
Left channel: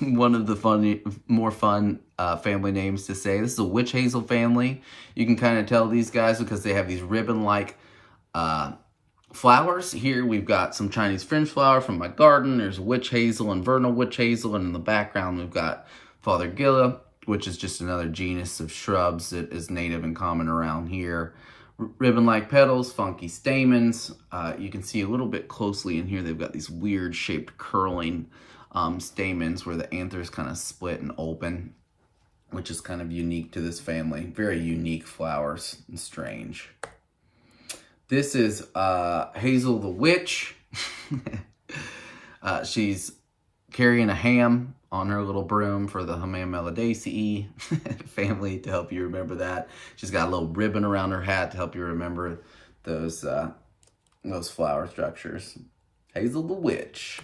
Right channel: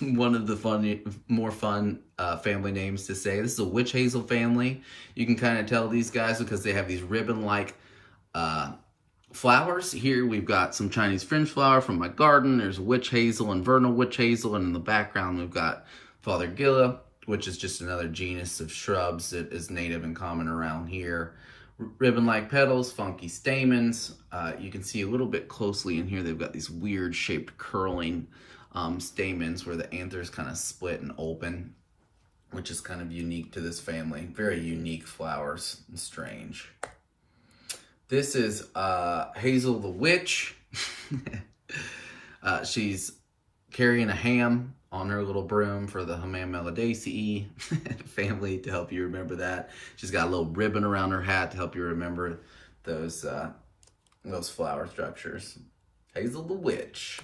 One of the more fun family names to say. This is a witch hazel family. You can kind of tell these guys because they have these ribbon-like flowers. Here we've got some Chinese French flower from my garden. There's witch hazel and vernal witch hazel, and in the background we've got Fothergilla, which is just another genus of shrubs that is native and common around here. Ribbon-like petals, funky stamens. You can see a little bit closely in here, they've got these weird shaped curling stamens where the anthers kind of split and open, which is kind of unique to this family. Very unique flowers and strange. This is Hazel the Witch. She's carrying a ham on her little broom for the Hammamelidaceae family, to help you remember that. She's got a little ribbon around her hat to help you remember those flower structures. Hazel the Witch.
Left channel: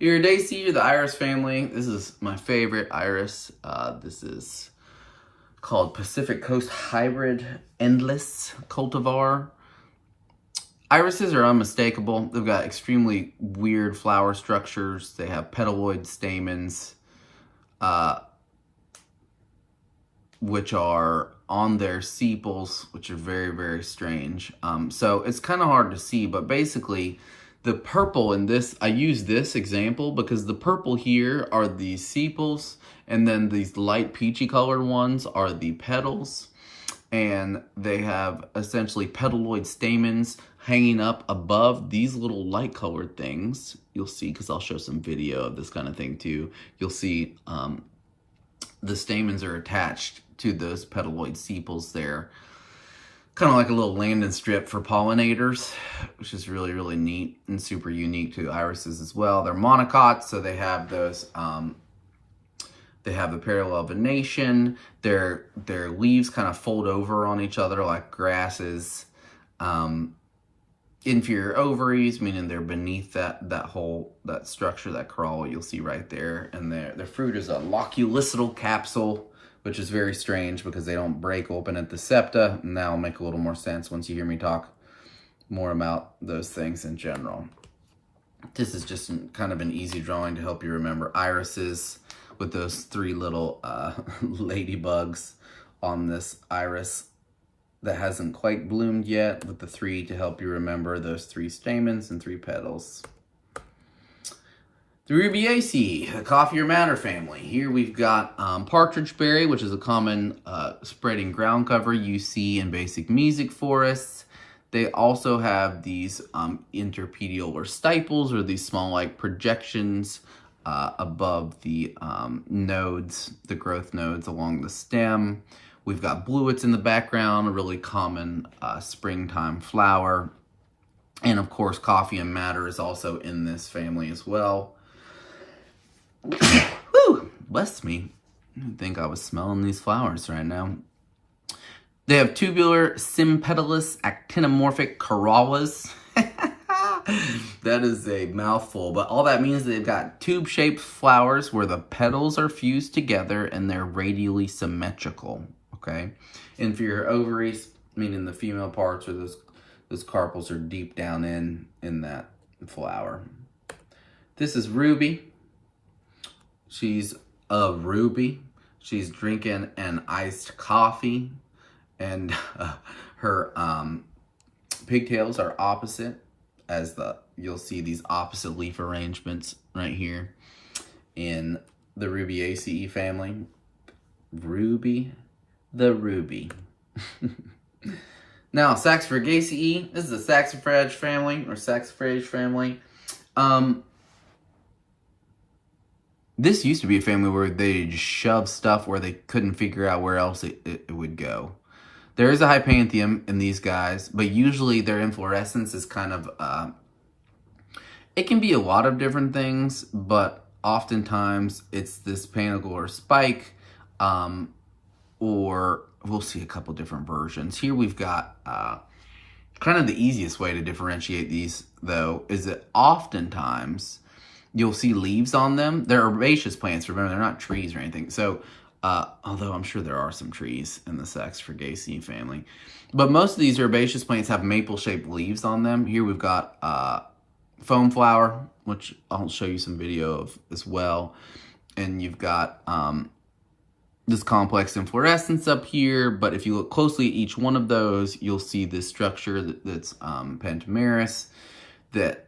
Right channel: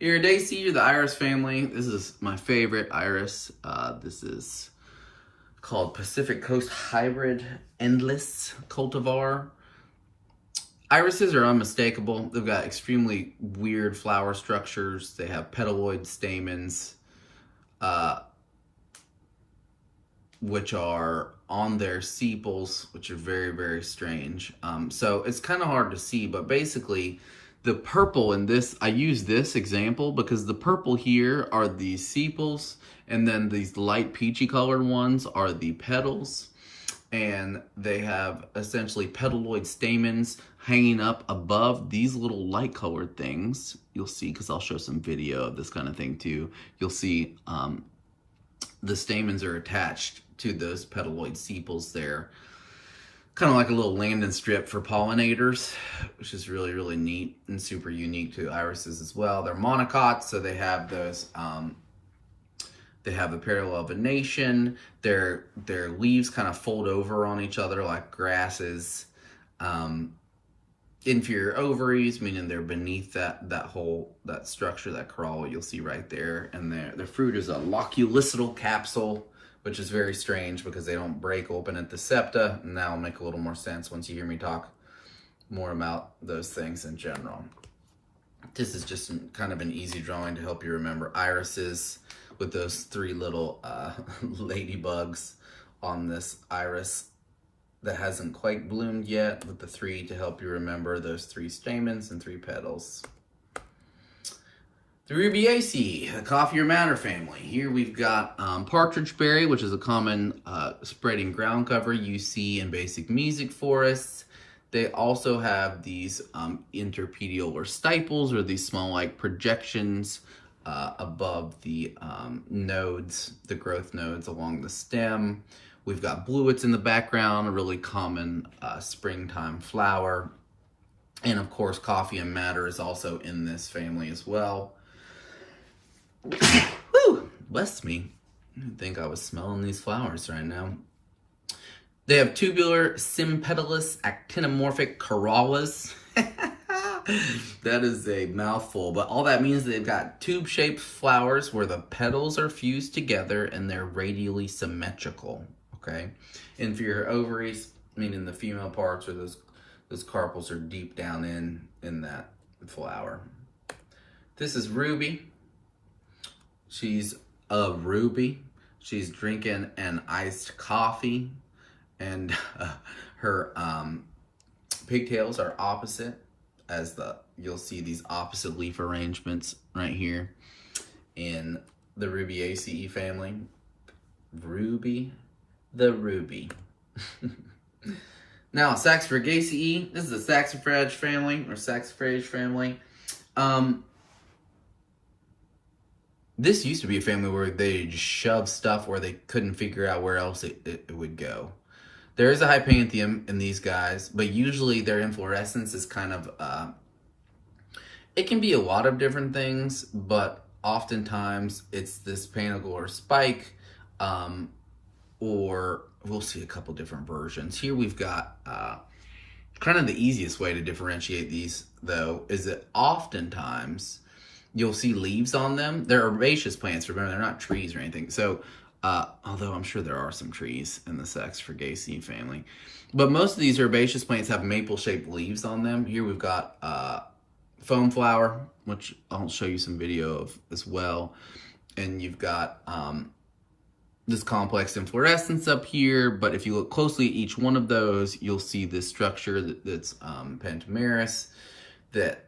Iridaceae, the iris family. This is my favorite iris. This is called Pacific Coast Hybrid Endless cultivar. Irises are unmistakable. They've got extremely weird flower structures. They have petaloid stamens, which are on their sepals, which are very, very strange. So it's kind of hard to see, but basically the purple in this, I use this example because the purple here are the sepals, and then these light peachy colored ones are the petals, and they have essentially petaloid stamens hanging up above these little light colored things. You'll see, because I'll show some video of this kind of thing too. You'll see the stamens are attached to those petaloid sepals there. Kind of like a little landing strip for pollinators, which is really, really neat and super unique to irises as well. They're monocots, so they have those, they have the parallel venation. Their leaves kind of fold over on each other like grasses. Inferior ovaries, meaning they're beneath that structure, that crawl you'll see right there. And their fruit is a loculicidal capsule, which is very strange because they don't break open at the septa. And that'll make a little more sense once you hear me talk more about those things in general. This is just kind of an easy drawing to help you remember irises with those three little ladybugs on this iris that hasn't quite bloomed yet, with the three to help you remember those three stamens and three petals. The Rubiaceae, the coffee or madder family. Here we've got partridge berry, which is a common spreading ground cover you see in basic mesic forests. They also have these interpedial or stiples, or these small like projections above the nodes, the growth nodes along the stem. We've got bluets in the background, a really common springtime flower. And of course, coffee and madder is also in this family as well. Whew, bless me. I didn't think I was smelling these flowers right now. They have tubular, sympedalous, actinomorphic corollas. That is a mouthful, but all that means is they've got tube-shaped flowers where the petals are fused together and they're radially symmetrical, okay? Inferior ovaries, meaning the female parts, or those carpels are deep down in that flower. This is Ruby. She's a ruby. She's drinking an iced coffee, and her pigtails are opposite, as you'll see these opposite leaf arrangements right here in the Rubiaceae family. Ruby, the ruby. Now, Saxifragaceae. This is a saxifrage family, or saxifrage family. This used to be a family where they just shoved stuff where they couldn't figure out where else it would go. There is a hypanthium in these guys, but usually their inflorescence is kind of, it can be a lot of different things, but oftentimes it's this panicle or spike, or we'll see a couple different versions. Here we've got Kind of the easiest way to differentiate these, though, is that oftentimes you'll see leaves on them. They're herbaceous plants, remember, they're not trees or anything. So, although I'm sure there are some trees in the saxifrage family. But most of these herbaceous plants have maple-shaped leaves on them. Here we've got foam flower, which I'll show you some video of as well. And you've got this complex inflorescence up here, but if you look closely at each one of those, you'll see this structure that's pentamerous that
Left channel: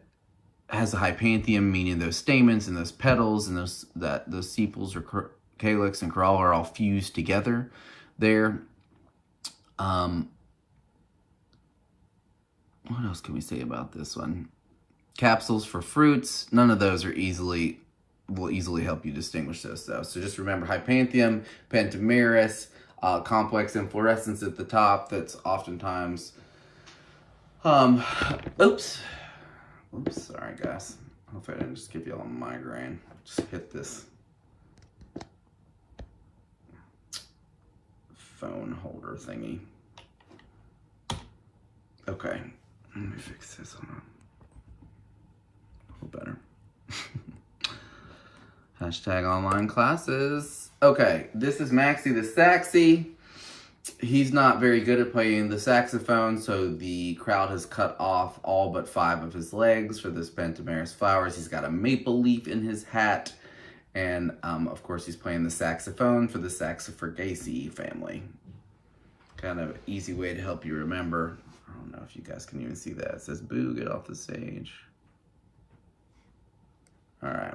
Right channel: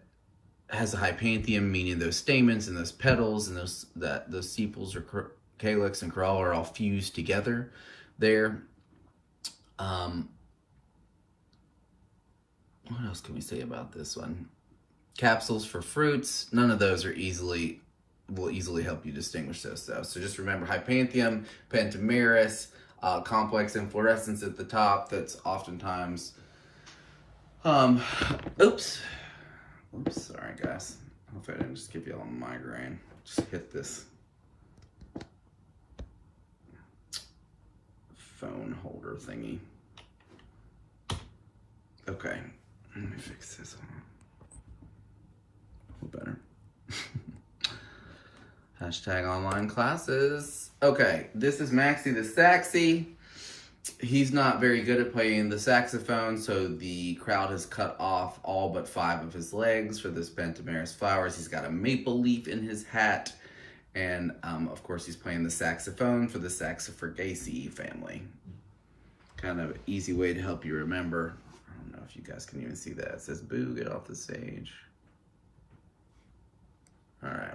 has a hypanthium, meaning those stamens and those petals and those sepals or calyx and corolla are all fused together there. What else can we say about this one? Capsules for fruits, none of those are will easily help you distinguish those stuff. So just remember hypanthium, pentamerous, complex inflorescence at the top that's oftentimes, oops, sorry guys. Hopefully I didn't just give you all a migraine. Just hit this phone holder thingy. Okay, let me fix this one. A little better. Hashtag online classes. Okay, this is Maxie the Saxy. He's not very good at playing the saxophone, so the crowd has cut off all but 5 of his legs for this pentamerous flowers. He's got a maple leaf in his hat, and of course he's playing the saxophone for the saxifrage family. Kind of an easy way to help you remember. I don't know if you guys can even see that. It says, "Boo, get off the stage." All right.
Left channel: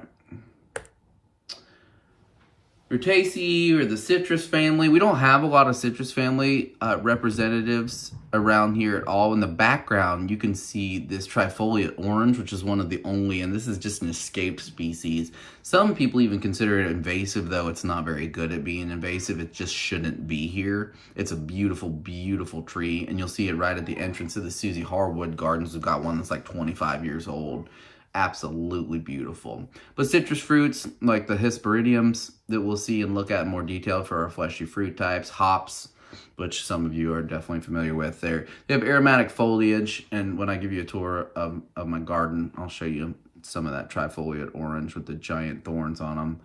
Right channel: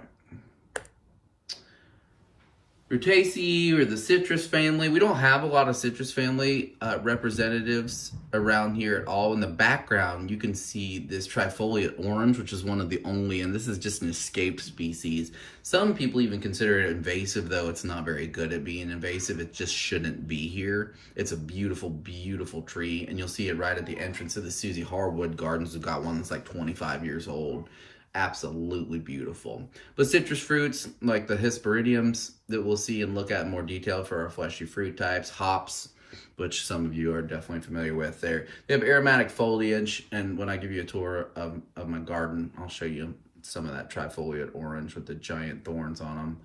Rutaceae or the citrus family. We don't have a lot of citrus family representatives around here at all. In the background, you can see this trifoliate orange, which is one of the only, and this is just an escaped species. Some people even consider it invasive, though it's not very good at being invasive. It just shouldn't be here. It's a beautiful, beautiful tree, and you'll see it right at the entrance of the Susie Harwood Gardens. We've got one that's like 25 years old. Absolutely beautiful. But citrus fruits like the Hesperidiums that we'll see and look at in more detail for our fleshy fruit types, hops, which some of you are definitely familiar with there. They have aromatic foliage, and when I give you a tour of my garden, I'll show you some of that trifoliate orange with the giant thorns on them.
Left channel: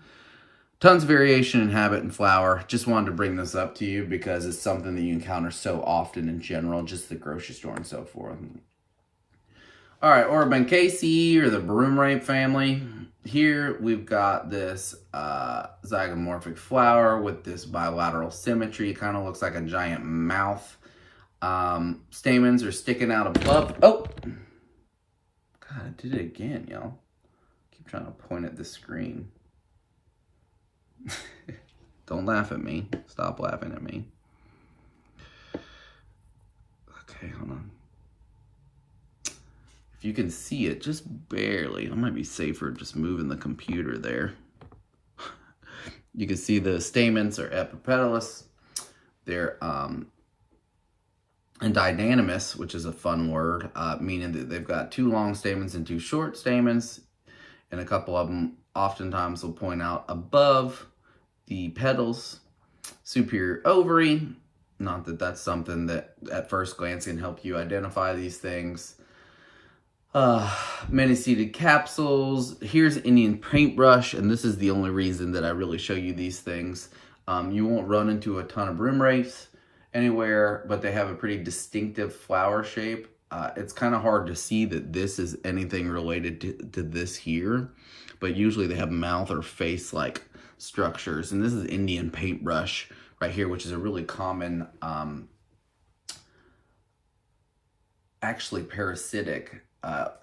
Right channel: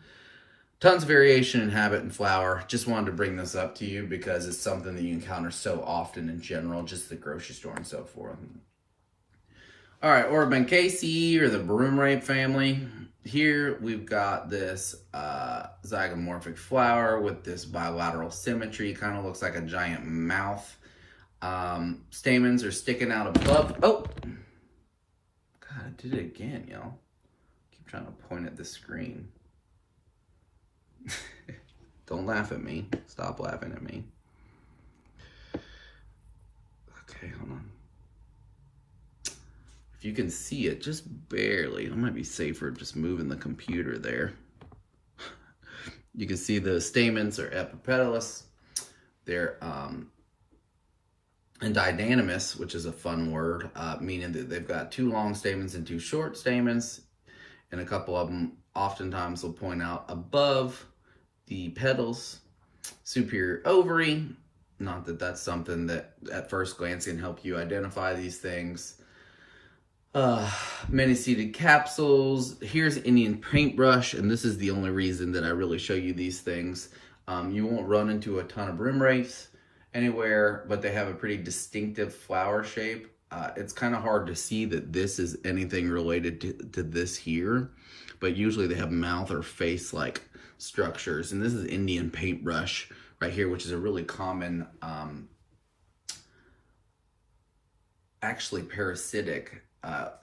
Tons of variation in habit and flower. Just wanted to bring this up to you because it's something that you encounter so often in general, just the grocery store and so forth. All right, Orbancaceae or the broom rape family. Here we've got this zygomorphic flower with this bilateral symmetry. It kind of looks like a giant mouth. Stamens are sticking out above. Oh, God, I did it again, y'all. Keep trying to point at the screen. Don't laugh at me. Stop laughing at me. Okay, hold on. If you can see it, just barely. It might be safer just moving the computer there. You can see the stamens are epipetalous. They're endodynamous, which is a fun word, meaning that they've got 2 long stamens and 2 short stamens. And a couple of them oftentimes will point out above the petals. Superior ovary. Not that that's something that at first glance can help you identify these things. Many-seeded capsules. Here's Indian paintbrush, and this is the only reason that I really show you these things. You won't run into a ton of broom rapes anywhere, but they have a pretty distinctive flower shape. It's kind of hard to see that this is anything related to this here, but usually they have mouth or face-like structures. And this is Indian paintbrush right here, which is a really common, actually parasitic.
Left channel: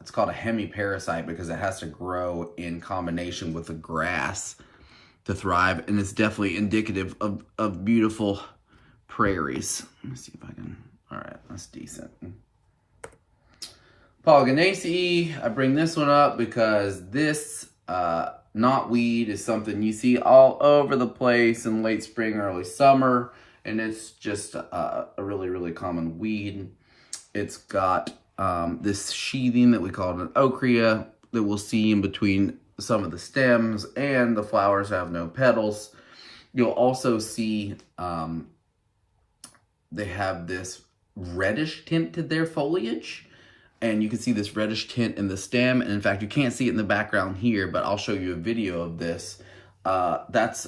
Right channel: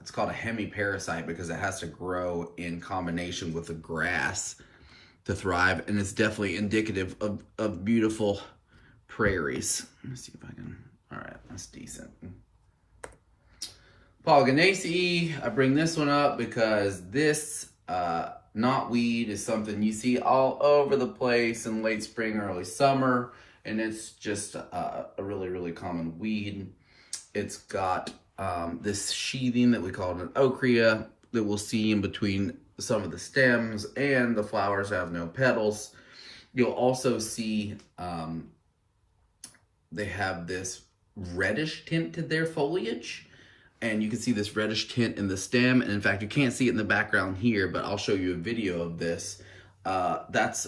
It's called a hemiparasite because it has to grow in combination with the grass to thrive, and it's definitely indicative of beautiful prairies. Let me see if I can, all right, that's decent. Polygonaceae, I bring this one up because this knotweed is something you see all over the place in late spring, early summer, and it's just a really, really common weed. It's got this sheathing that we call an ochrea that we'll see in between some of the stems, and the flowers have no petals. You'll also see they have this reddish tint to their foliage. And you can see this reddish tint in the stem. And in fact, you can't see it in the background here, but I'll show you a video of this. That's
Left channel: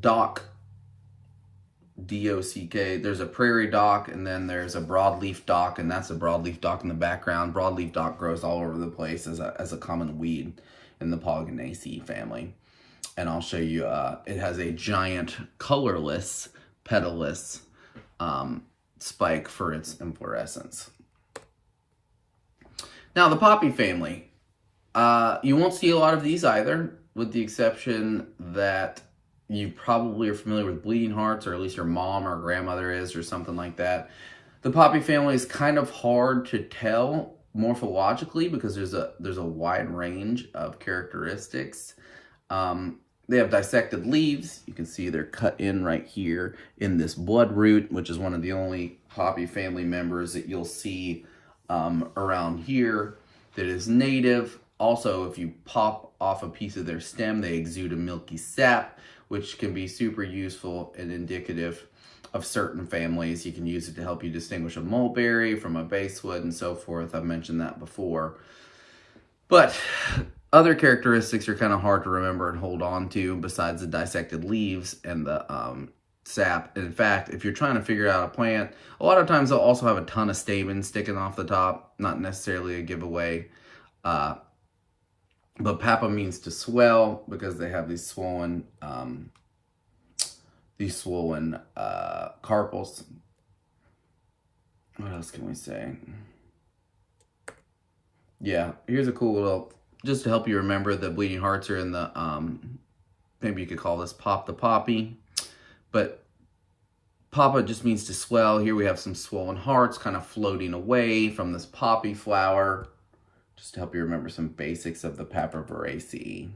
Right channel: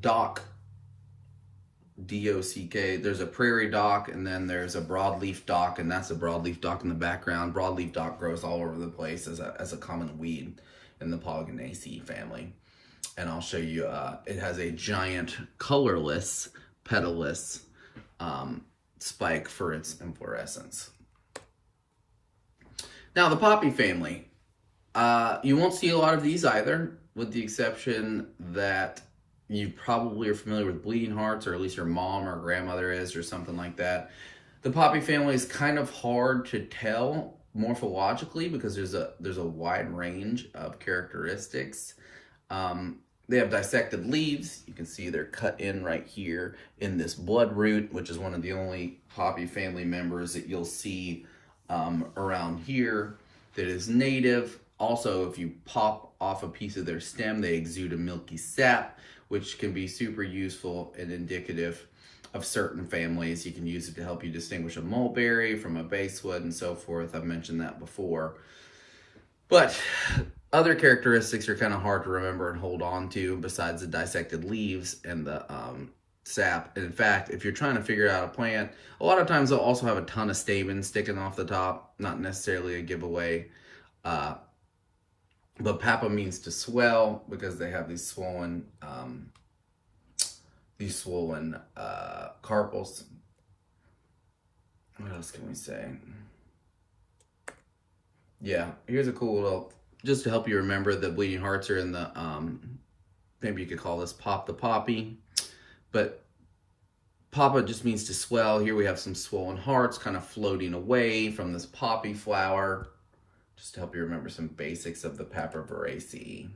dock, D-O-C-K. There's a prairie dock, and then there's a broadleaf dock, and that's a broadleaf dock in the background. Broadleaf dock grows all over the place as a common weed in the Polygonaceae family. And I'll show you, it has a giant colorless, petalless spike for its inflorescence. Now, the poppy family. You won't see a lot of these either, with the exception that you probably are familiar with bleeding hearts, or at least your mom or grandmother is, or something like that. The poppy family is kind of hard to tell morphologically because there's a wide range of characteristics. They have dissected leaves. You can see they're cut in right here in this bloodroot, which is one of the only poppy family members that you'll see around here that is native. Also, if you pop off a piece of their stem, they exude a milky sap, which can be super useful and indicative of certain families. You can use it to help you distinguish a mulberry from a basswood and so forth. I've mentioned that before. But other characteristics are kind of hard to remember and hold on to besides the dissected leaves and the sap. And in fact, if you're trying to figure out a plant, a lot of times they'll also have a ton of stamens sticking off the top. Not necessarily a giveaway. But papa means to swell because they have these swollen carpels. What else can we say? Yeah, here's a cool little, just to help you remember, the bleeding hearts are in the, maybe you could call this pop the poppy. But papa just means to swell. Here we have some swollen hearts kind of floating away from this poppy flower. Just to help you remember some basics of the Papaveraceae.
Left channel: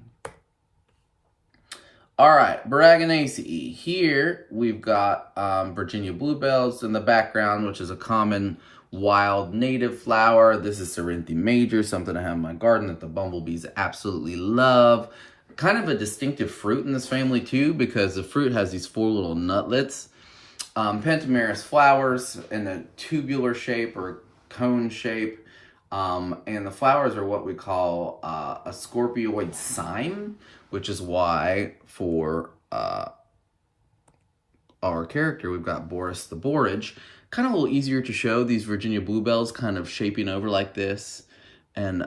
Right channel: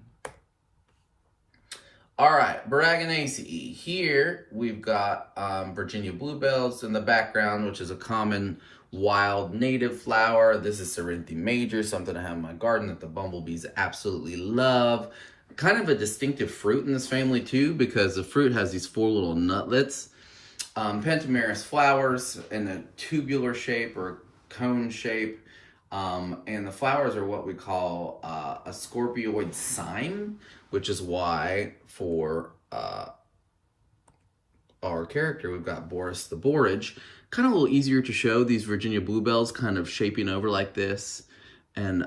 All right, Boraginaceae. Here we've got Virginia bluebells in the background, which is a common wild native flower. This is Cerinthe major, something I have in my garden that the bumblebees absolutely love. Kind of a distinctive fruit in this family too, because the fruit has these 4 little nutlets. Pentamerous flowers in a tubular shape or cone shape. And the flowers are what we call a scorpioid cyme, which is why for our character we've got Boris the borage. Kind of a little easier to show these Virginia bluebells kind of shaping over like this. And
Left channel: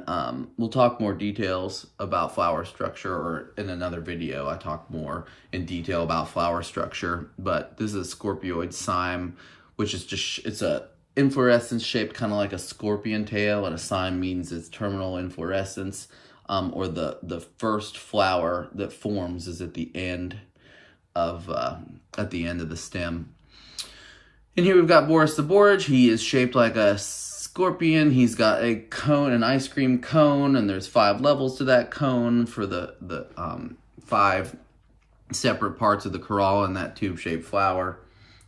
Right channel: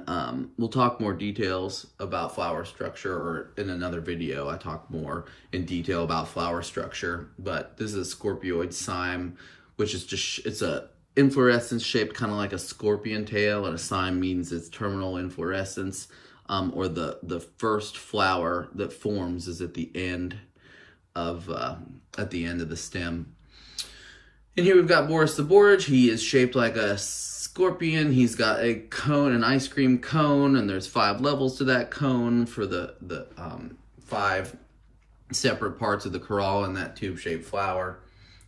we'll talk more details about flower structure, or in another video I talk more in detail about flower structure. But this is a scorpioid cyme, which is just, it's a inflorescence shaped kind of like a scorpion tail, and a cyme means its terminal inflorescence, or the first flower that forms is at the end of the stem. And here we've got Boris the borage. He is shaped like a scorpion. He's got a cone, an ice cream cone, and there's 5 levels to that cone for the 5 separate parts of the corolla in that tube-shaped flower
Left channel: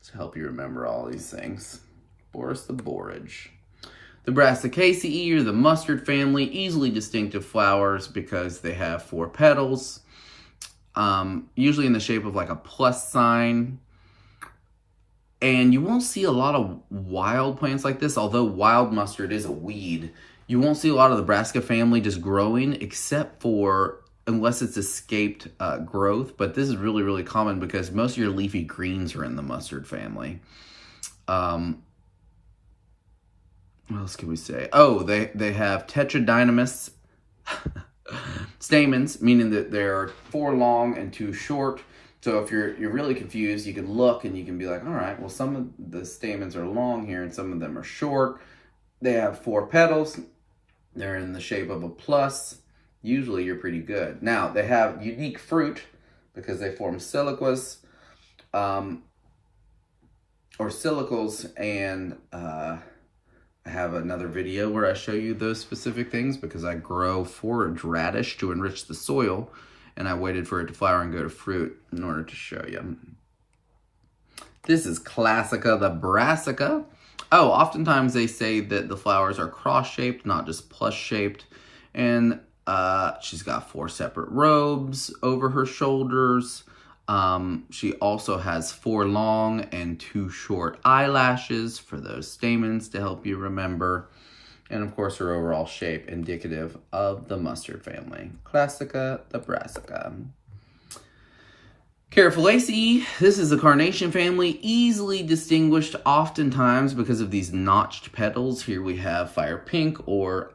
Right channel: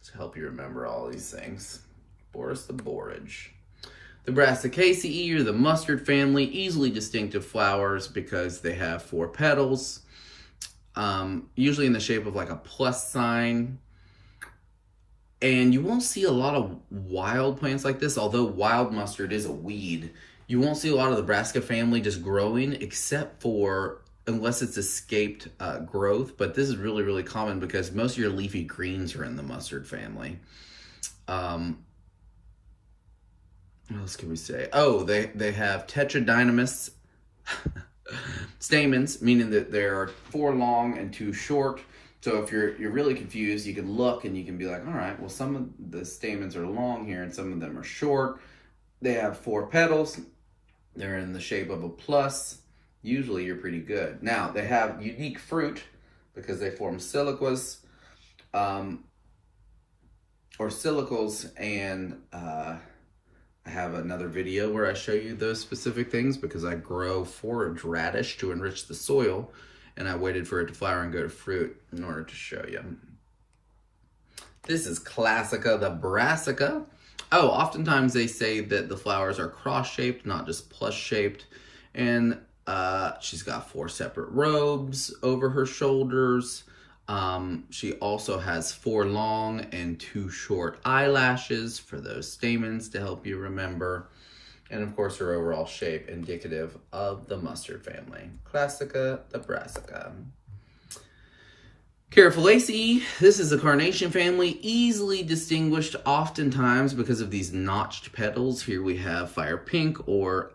to help you remember all these things. Boris the borage. The Brassicaceae, or the mustard family, easily distinctive flowers because they have 4 petals, usually in the shape of like a plus sign. And you won't see a lot of wild plants like this, although wild mustard is a weed. You won't see a lot of the Brassica family just growing, except for, unless it's escaped growth. But this is really, really common because most of your leafy greens are in the mustard family. What else can we say? Oh, they have tetradynamous stamens, meaning that there are 4 long and 2 short. So if you're really confused, you can look and you can be like, all right, well, some of the stamens are long here and some of them are short. They have 4 petals. They're in the shape of a plus. Usually you're pretty good. Now, they have unique fruit because they form siliquas, or silicles, and I have another video where I show you those specific things because I grow forage radish to enrich the soil, and I waited for it to flower and go to fruit in order to show you. This is Classica the Brassica. Oh, oftentimes they say that the flowers are cross-shaped, not just plus-shaped. And she's got 4 separate robes over her shoulders. She also has 4 long and 2 short eyelashes for those stamens to help you remember. And of course, her overall shape indicative of the mustard family. Classica, the brassica. Caryophyllaceae, this is the carnation family, easily distinguished oftentimes because of these notched petals. Here we have fire pink, or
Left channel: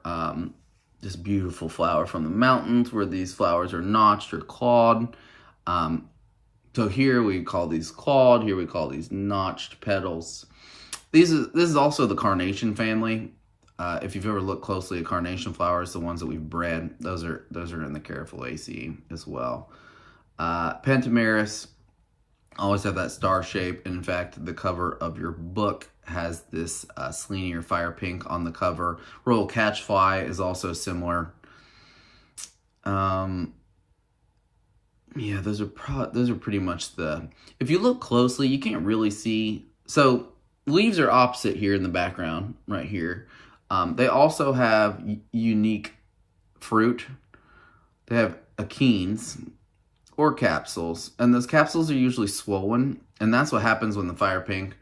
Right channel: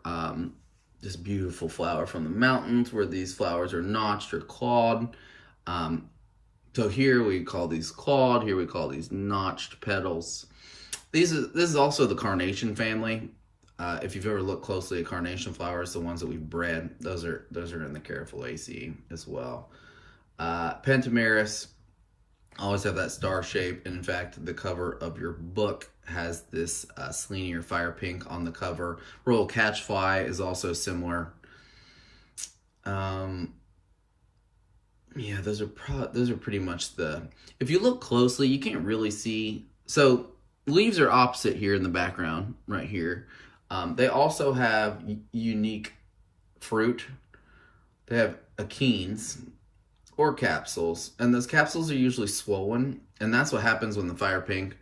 this beautiful flower from the mountains where these flowers are notched or clawed. So here we call these clawed, here we call these notched petals. This is also the carnation family. If you've ever looked closely at carnation flowers, the ones that we've bred, those are in the Caryophyllaceae as well. Pentameris always have that star shape. In fact, the cover of your book has this Selene or fire pink on the cover. Royal catchfly is also similar. Yeah, those are pretty much the. If you look closely, you can't really see. So leaves are opposite here in the background, right here. They also have unique fruit. They have achenes, or capsules, and those capsules are usually swollen, and that's what happens when the fire pink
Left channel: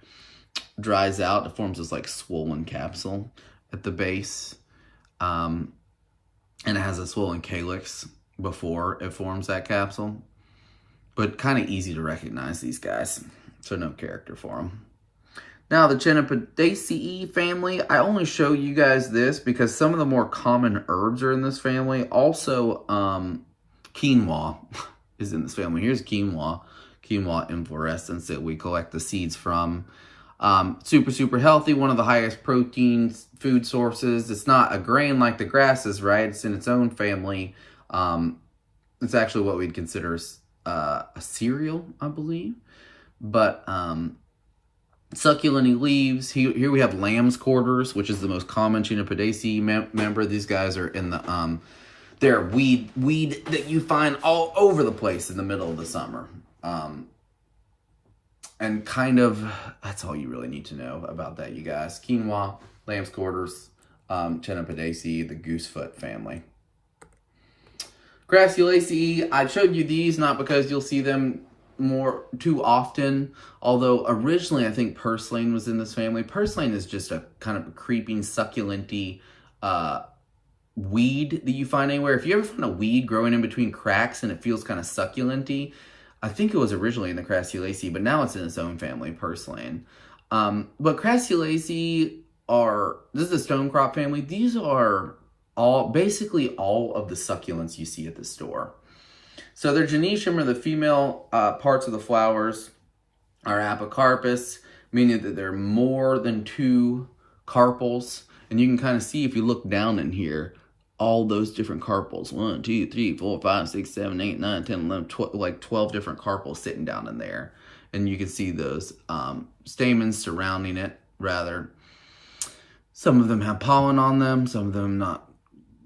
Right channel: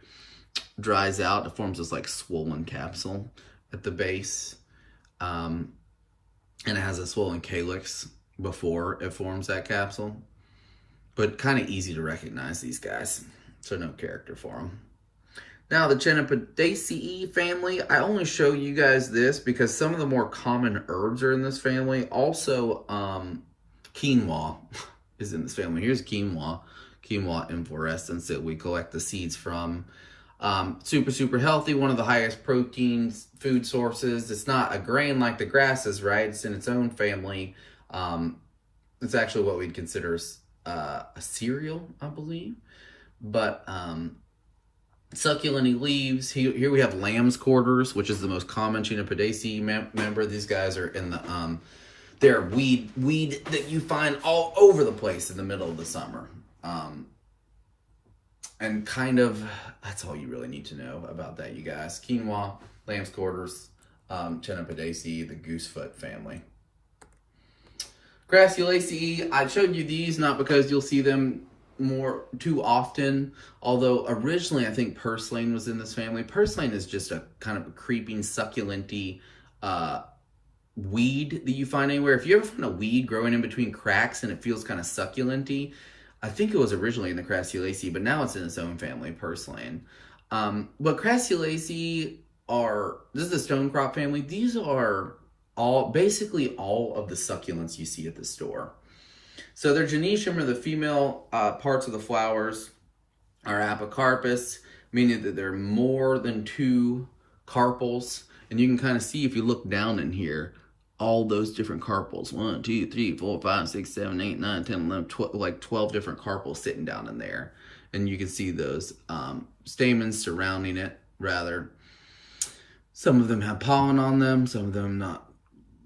dries out. It forms this like swollen capsule at the base, and it has a swollen calyx before it forms that capsule, but kind of easy to recognize these guys, so no character for them. Now the Chenopodiaceae family, I only show you guys this because some of the more common herbs are in this family. Also, quinoa is in this family. Here's quinoa inflorescence that we collect the seeds from. Super healthy, one of the highest protein food sources. It's not a grain like the grasses, right? It's in its own family. It's actually what we'd consider a cereal, I believe. But succulent leaves. Here we have lamb's quarters, which is the most common Chenopodiaceae member. These guys are in the they're weed that you find all over the place in the middle of the summer. And kind of, that's all you really need to know about that, you guys. Quinoa, lamb's quarters, Chenopodiaceae, the Goosefoot family. Crassulaceae, I showed you these not because you'll see them too often, although originally I think purslane was in this family. Purslane is just a kind of a creeping, succulent-y weed that you find anywhere. If you ever find a weed growing in between cracks and it feels kind of succulent-y, I think it was originally in the Crassulaceae, but now it's in its own family, purslane. But Crassulaceae this is the stonecrop family. These are basically all of the succulents you see at the store. So their genetium, or the female parts of the flowers, are apocarpous, meaning that there are more than 2 carpels. And you can kind of see if you look down in here, all those different carpels. 1, 2, 3, 4, 5, 6, 7, 8, 9, 10, 11, 12, like 12 different carpels sitting down in there. And you can see those stamens surrounding it, rather. Some of them have pollen on them, some of them not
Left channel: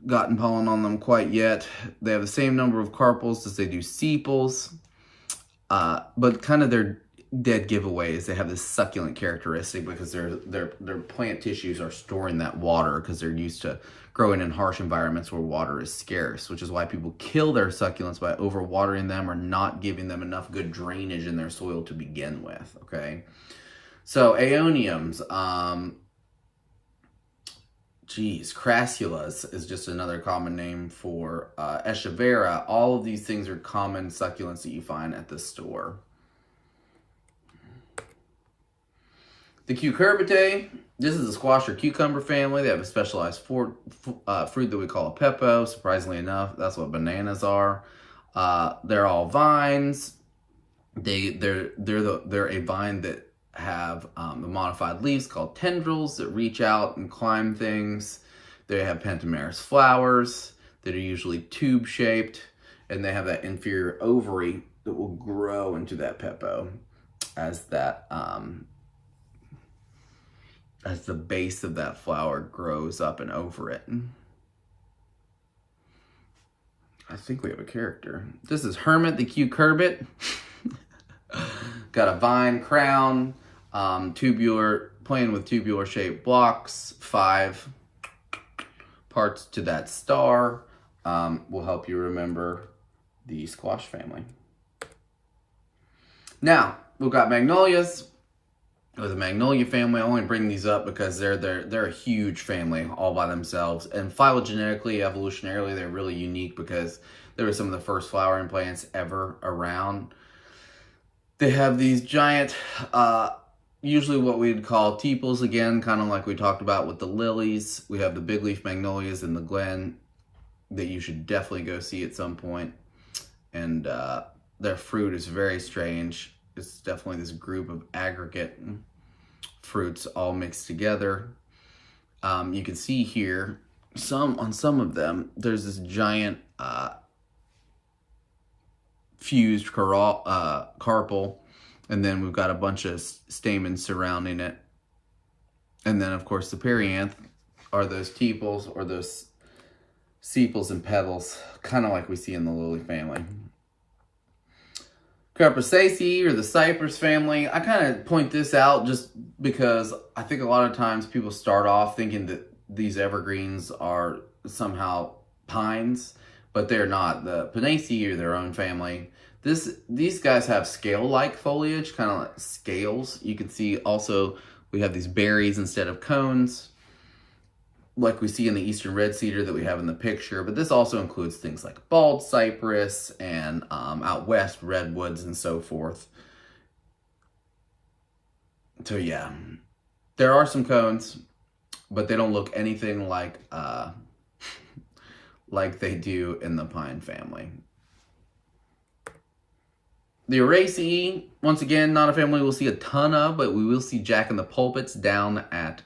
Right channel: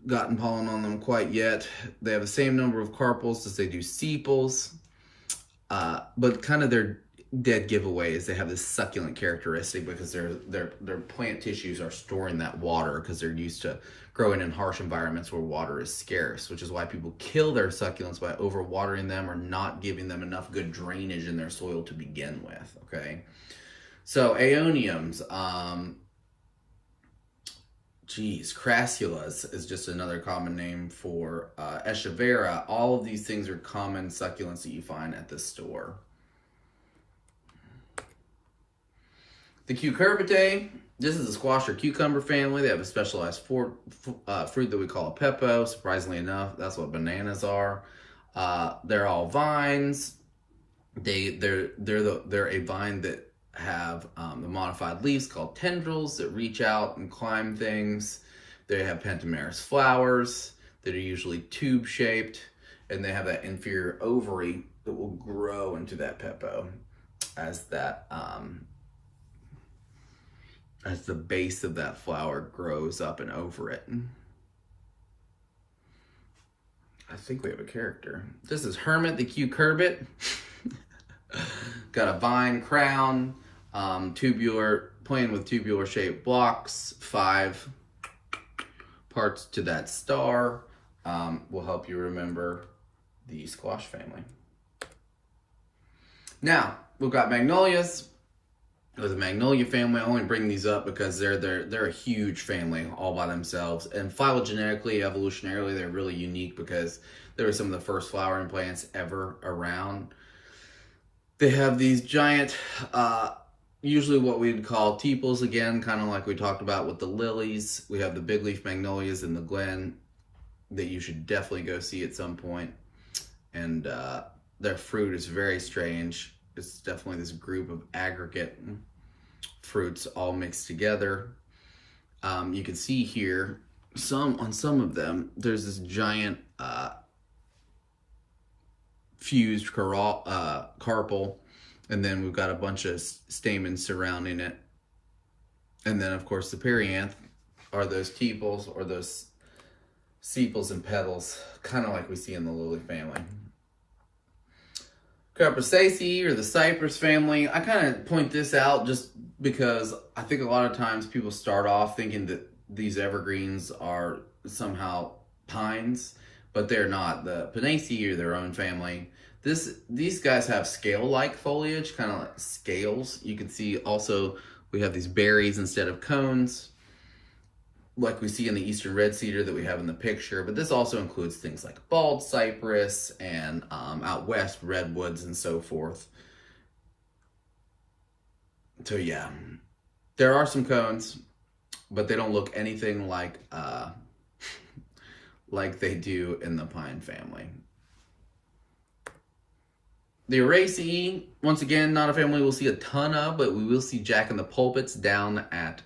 gotten pollen on them quite yet. They have the same number of carpels as they do sepals, but kind of their dead giveaway is they have this succulent characteristic because their plant tissues are storing that water because they're used to growing in harsh environments where water is scarce, which is why people kill their succulents by overwatering them or not giving them enough good drainage in their soil to begin with, okay? So aeoniums, crassulas is just another common name for echeveria. All of these things are common succulents that you find at the store. The cucurbitae, this is the squash or cucumber family. They have a specialized fruit that we call a pepo. Surprisingly enough, that's what bananas are. They're all vines. They're a vine that have the modified leaves called tendrils that reach out and climb things. They have pentameris flowers that are usually tube shaped, and they have that inferior ovary that will grow into that pepo as that as the base of that flower grows up and over it. I think we have a character. This is Hermit the cucurbit. Got a vine crown, tubular, playing with tubular shaped blocks, 5 parts to that star. Will help you remember the squash family. Now, we've got magnolias. With the magnolia family, I only bring these up because they're a huge family all by themselves. And phylogenetically, evolutionarily, they're really unique because they were some of the first flowering plants ever around. They have these giant, usually what we'd call tepals again, kind of like we talked about with the lilies. We have the big leaf magnolias in the glen that you should definitely go see at some point. And their fruit is very strange. It's definitely this group of aggregate fruits all mixed together. You can see here, on some of them, there's this giant fused carpel, and then we've got a bunch of stamens surrounding it. And then, of course, the perianth are those tepals or those sepals and petals, kind of like we see in the lily family. Cupressaceae, or the cypress family, I kind of point this out just because I think a lot of times people start off thinking that these evergreens are somehow pines, but they're not. The Pinaceae are their own family. These guys have scale-like foliage, kind of like scales. You can see also we have these berries instead of cones, like we see in the eastern red cedar that we have in the picture. But this also includes things like bald cypress and out west redwoods and so forth. So yeah, there are some cones, but they don't look anything like like they do in the pine family. The Araceae, once again, not a family we'll see a ton of, but we will see Jack in the pulpits down at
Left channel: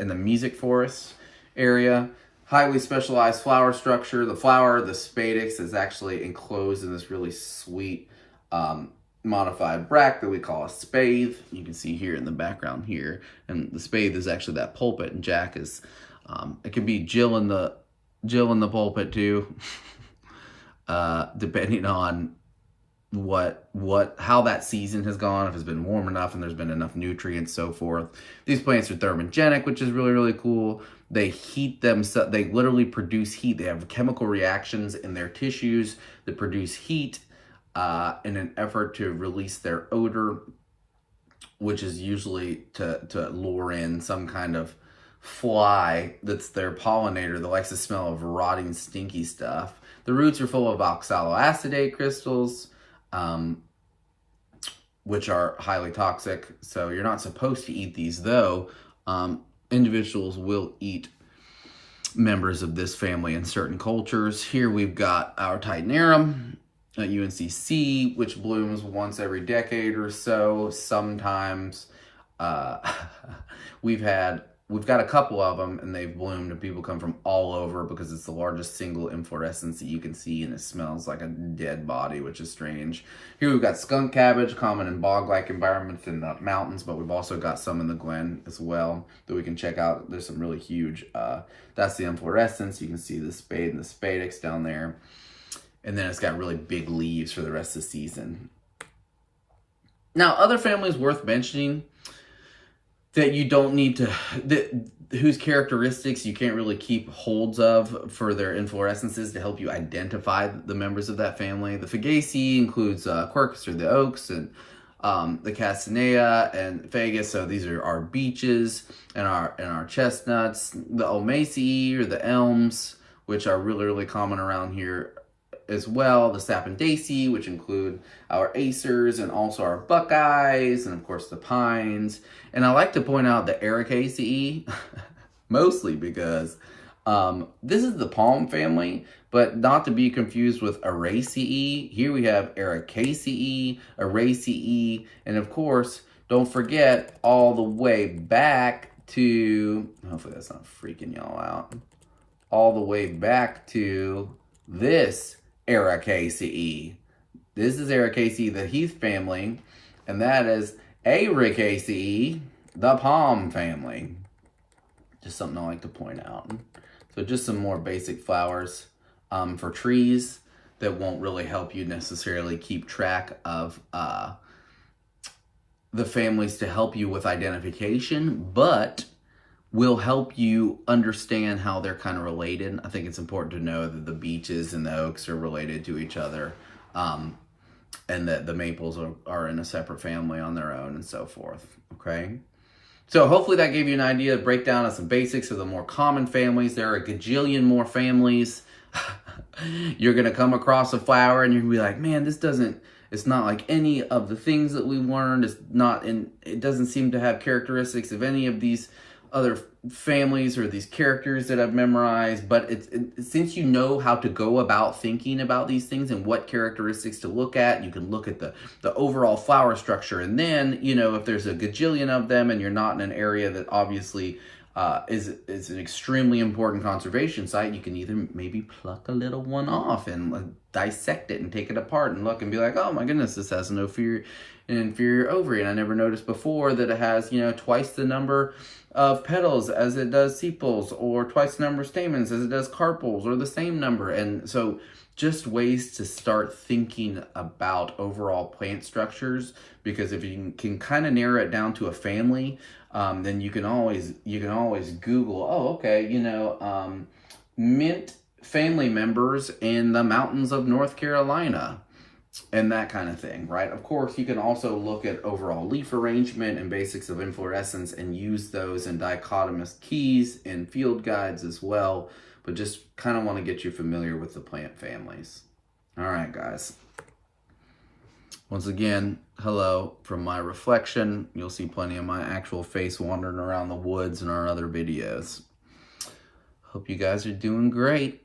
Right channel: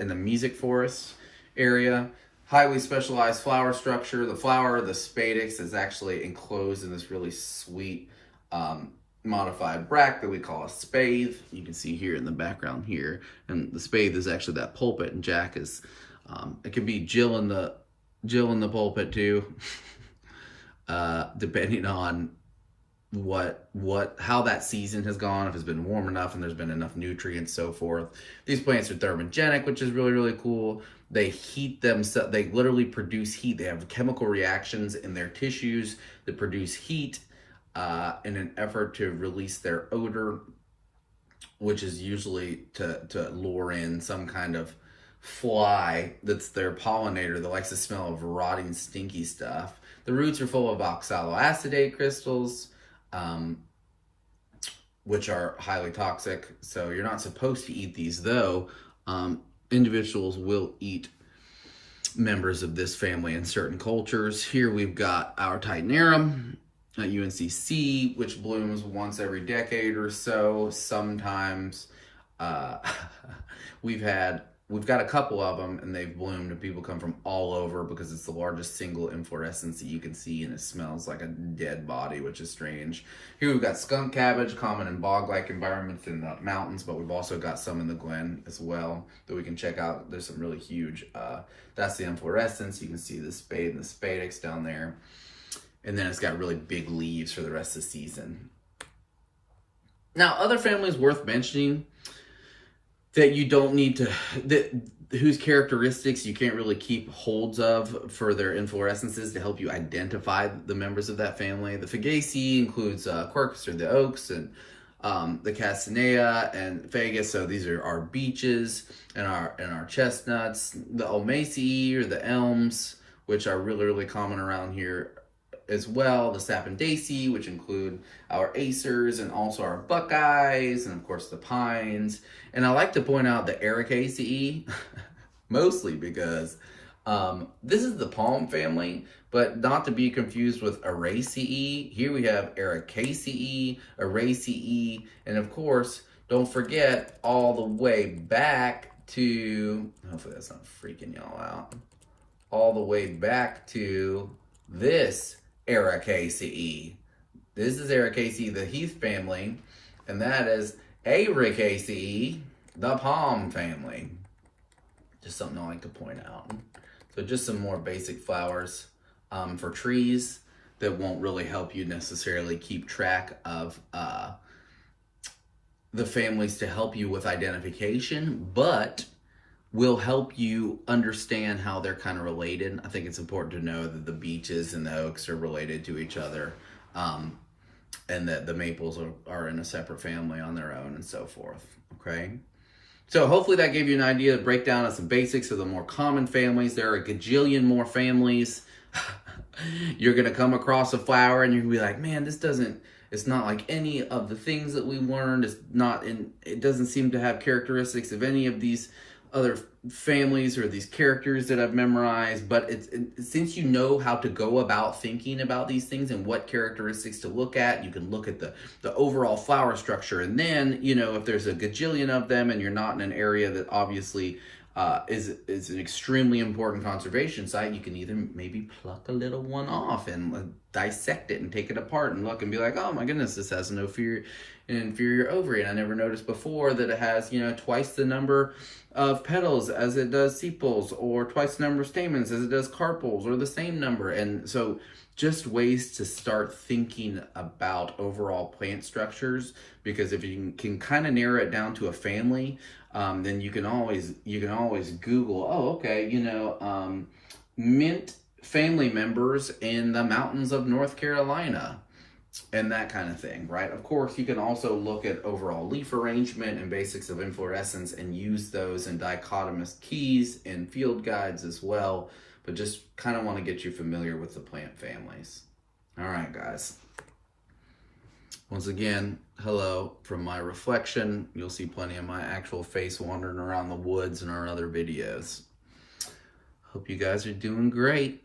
in the music forest area. Highly specialized flower structure. The flower, the spadix, is actually enclosed in this really sweet modified bract that we call a spathe. You can see here in the background here, and the spathe is actually that pulpit, and Jack is it could be Jill in the pulpit too, depending on how that season has gone, if it's been warm enough and there's been enough nutrients, so forth. These plants are thermogenic, which is really, really cool. They heat themselves, they literally produce heat. They have chemical reactions in their tissues that produce heat in an effort to release their odor, which is usually to lure in some kind of fly that's their pollinator that likes the smell of rotting, stinky stuff. The roots are full of oxaloacetate crystals, which are highly toxic. So you're not supposed to eat these, though. Individuals will eat members of this family in certain cultures. Here we've got our Titanarum at UNCC, which blooms once every decade or so. Sometimes we've got a couple of them, and they've bloomed, and people come from all over because it's the largest single inflorescence that you can see, and it smells like a dead body, which is strange. Here we've got skunk cabbage, common in bog-like environments in the mountains, but we've also got some in the glen as well that we can check out. There's some really huge, that's the inflorescence. You can see the spade and the spadix down there. And then it's got really big leaves for the rest of the season. Now, other families worth mentioning that you don't need to, whose characteristics you can't really keep holds of for their inflorescences to help you identify the members of that family. The Fagaceae includes Quercus or the oaks, and the Castanea and Fagus. So these are our beeches and our chestnuts. The Ulmaceae or the elms, which are really, really common around here as well. The Sapindaceae, which include our acers and also our buckeyes, and of course the pines. And I like to point out the Ericaceae, mostly because this is the palm family, but not to be confused with Araceae. Here we have Ericaceae, Araceae, and of course, don't forget all the way back to, hopefully that's not freaking y'all out, all the way back to this Ericaceae. This is Ericaceae, the heath family, and that is Ericaceae, the palm family. Just something I like to point out. So just some more basic flowers for trees that won't really help you necessarily keep track of the families to help you with identification, but will help you understand how they're kind of related. I think it's important to know that the beeches and the oaks are related to each other. and that the maples are in a separate family on their own and so forth, okay? So hopefully that gave you an idea, a breakdown of some basics of the more common families. There are a gajillion more families. You're going to come across a flower and you're going to be like, man, it's not like any of the things that we've learned. It doesn't seem to have characteristics of any of these other families or these characters that I've memorized, but since you know how to go about thinking about these things and what characteristics to look at, you can look at the overall flower structure. And then, you know, if there's a gajillion of them and you're not in an area that obviously is an extremely important conservation site, you can either maybe pluck a little one off and dissect it and take it apart and look and be like, oh my goodness, this has an inferior ovary. And I never noticed before that it has, you know, twice the number of petals as it does sepals, or twice the number of stamens as it does carpels, or the same number. And so just ways to start thinking about overall plant structures, because if you can kind of narrow it down to a family, then you can always Google, oh, okay, you know, mint family members in the mountains of North Carolina, and that kind of thing, right? Of course, you can also look at overall leaf arrangement and basics of inflorescence and use those in dichotomous keys in field guides as well, but just kind of want to get you familiar with the plant families. All right, guys. Once again, hello from my reflection. You'll see plenty of my actual face wandering around the woods in our other videos. Hope you guys are doing great.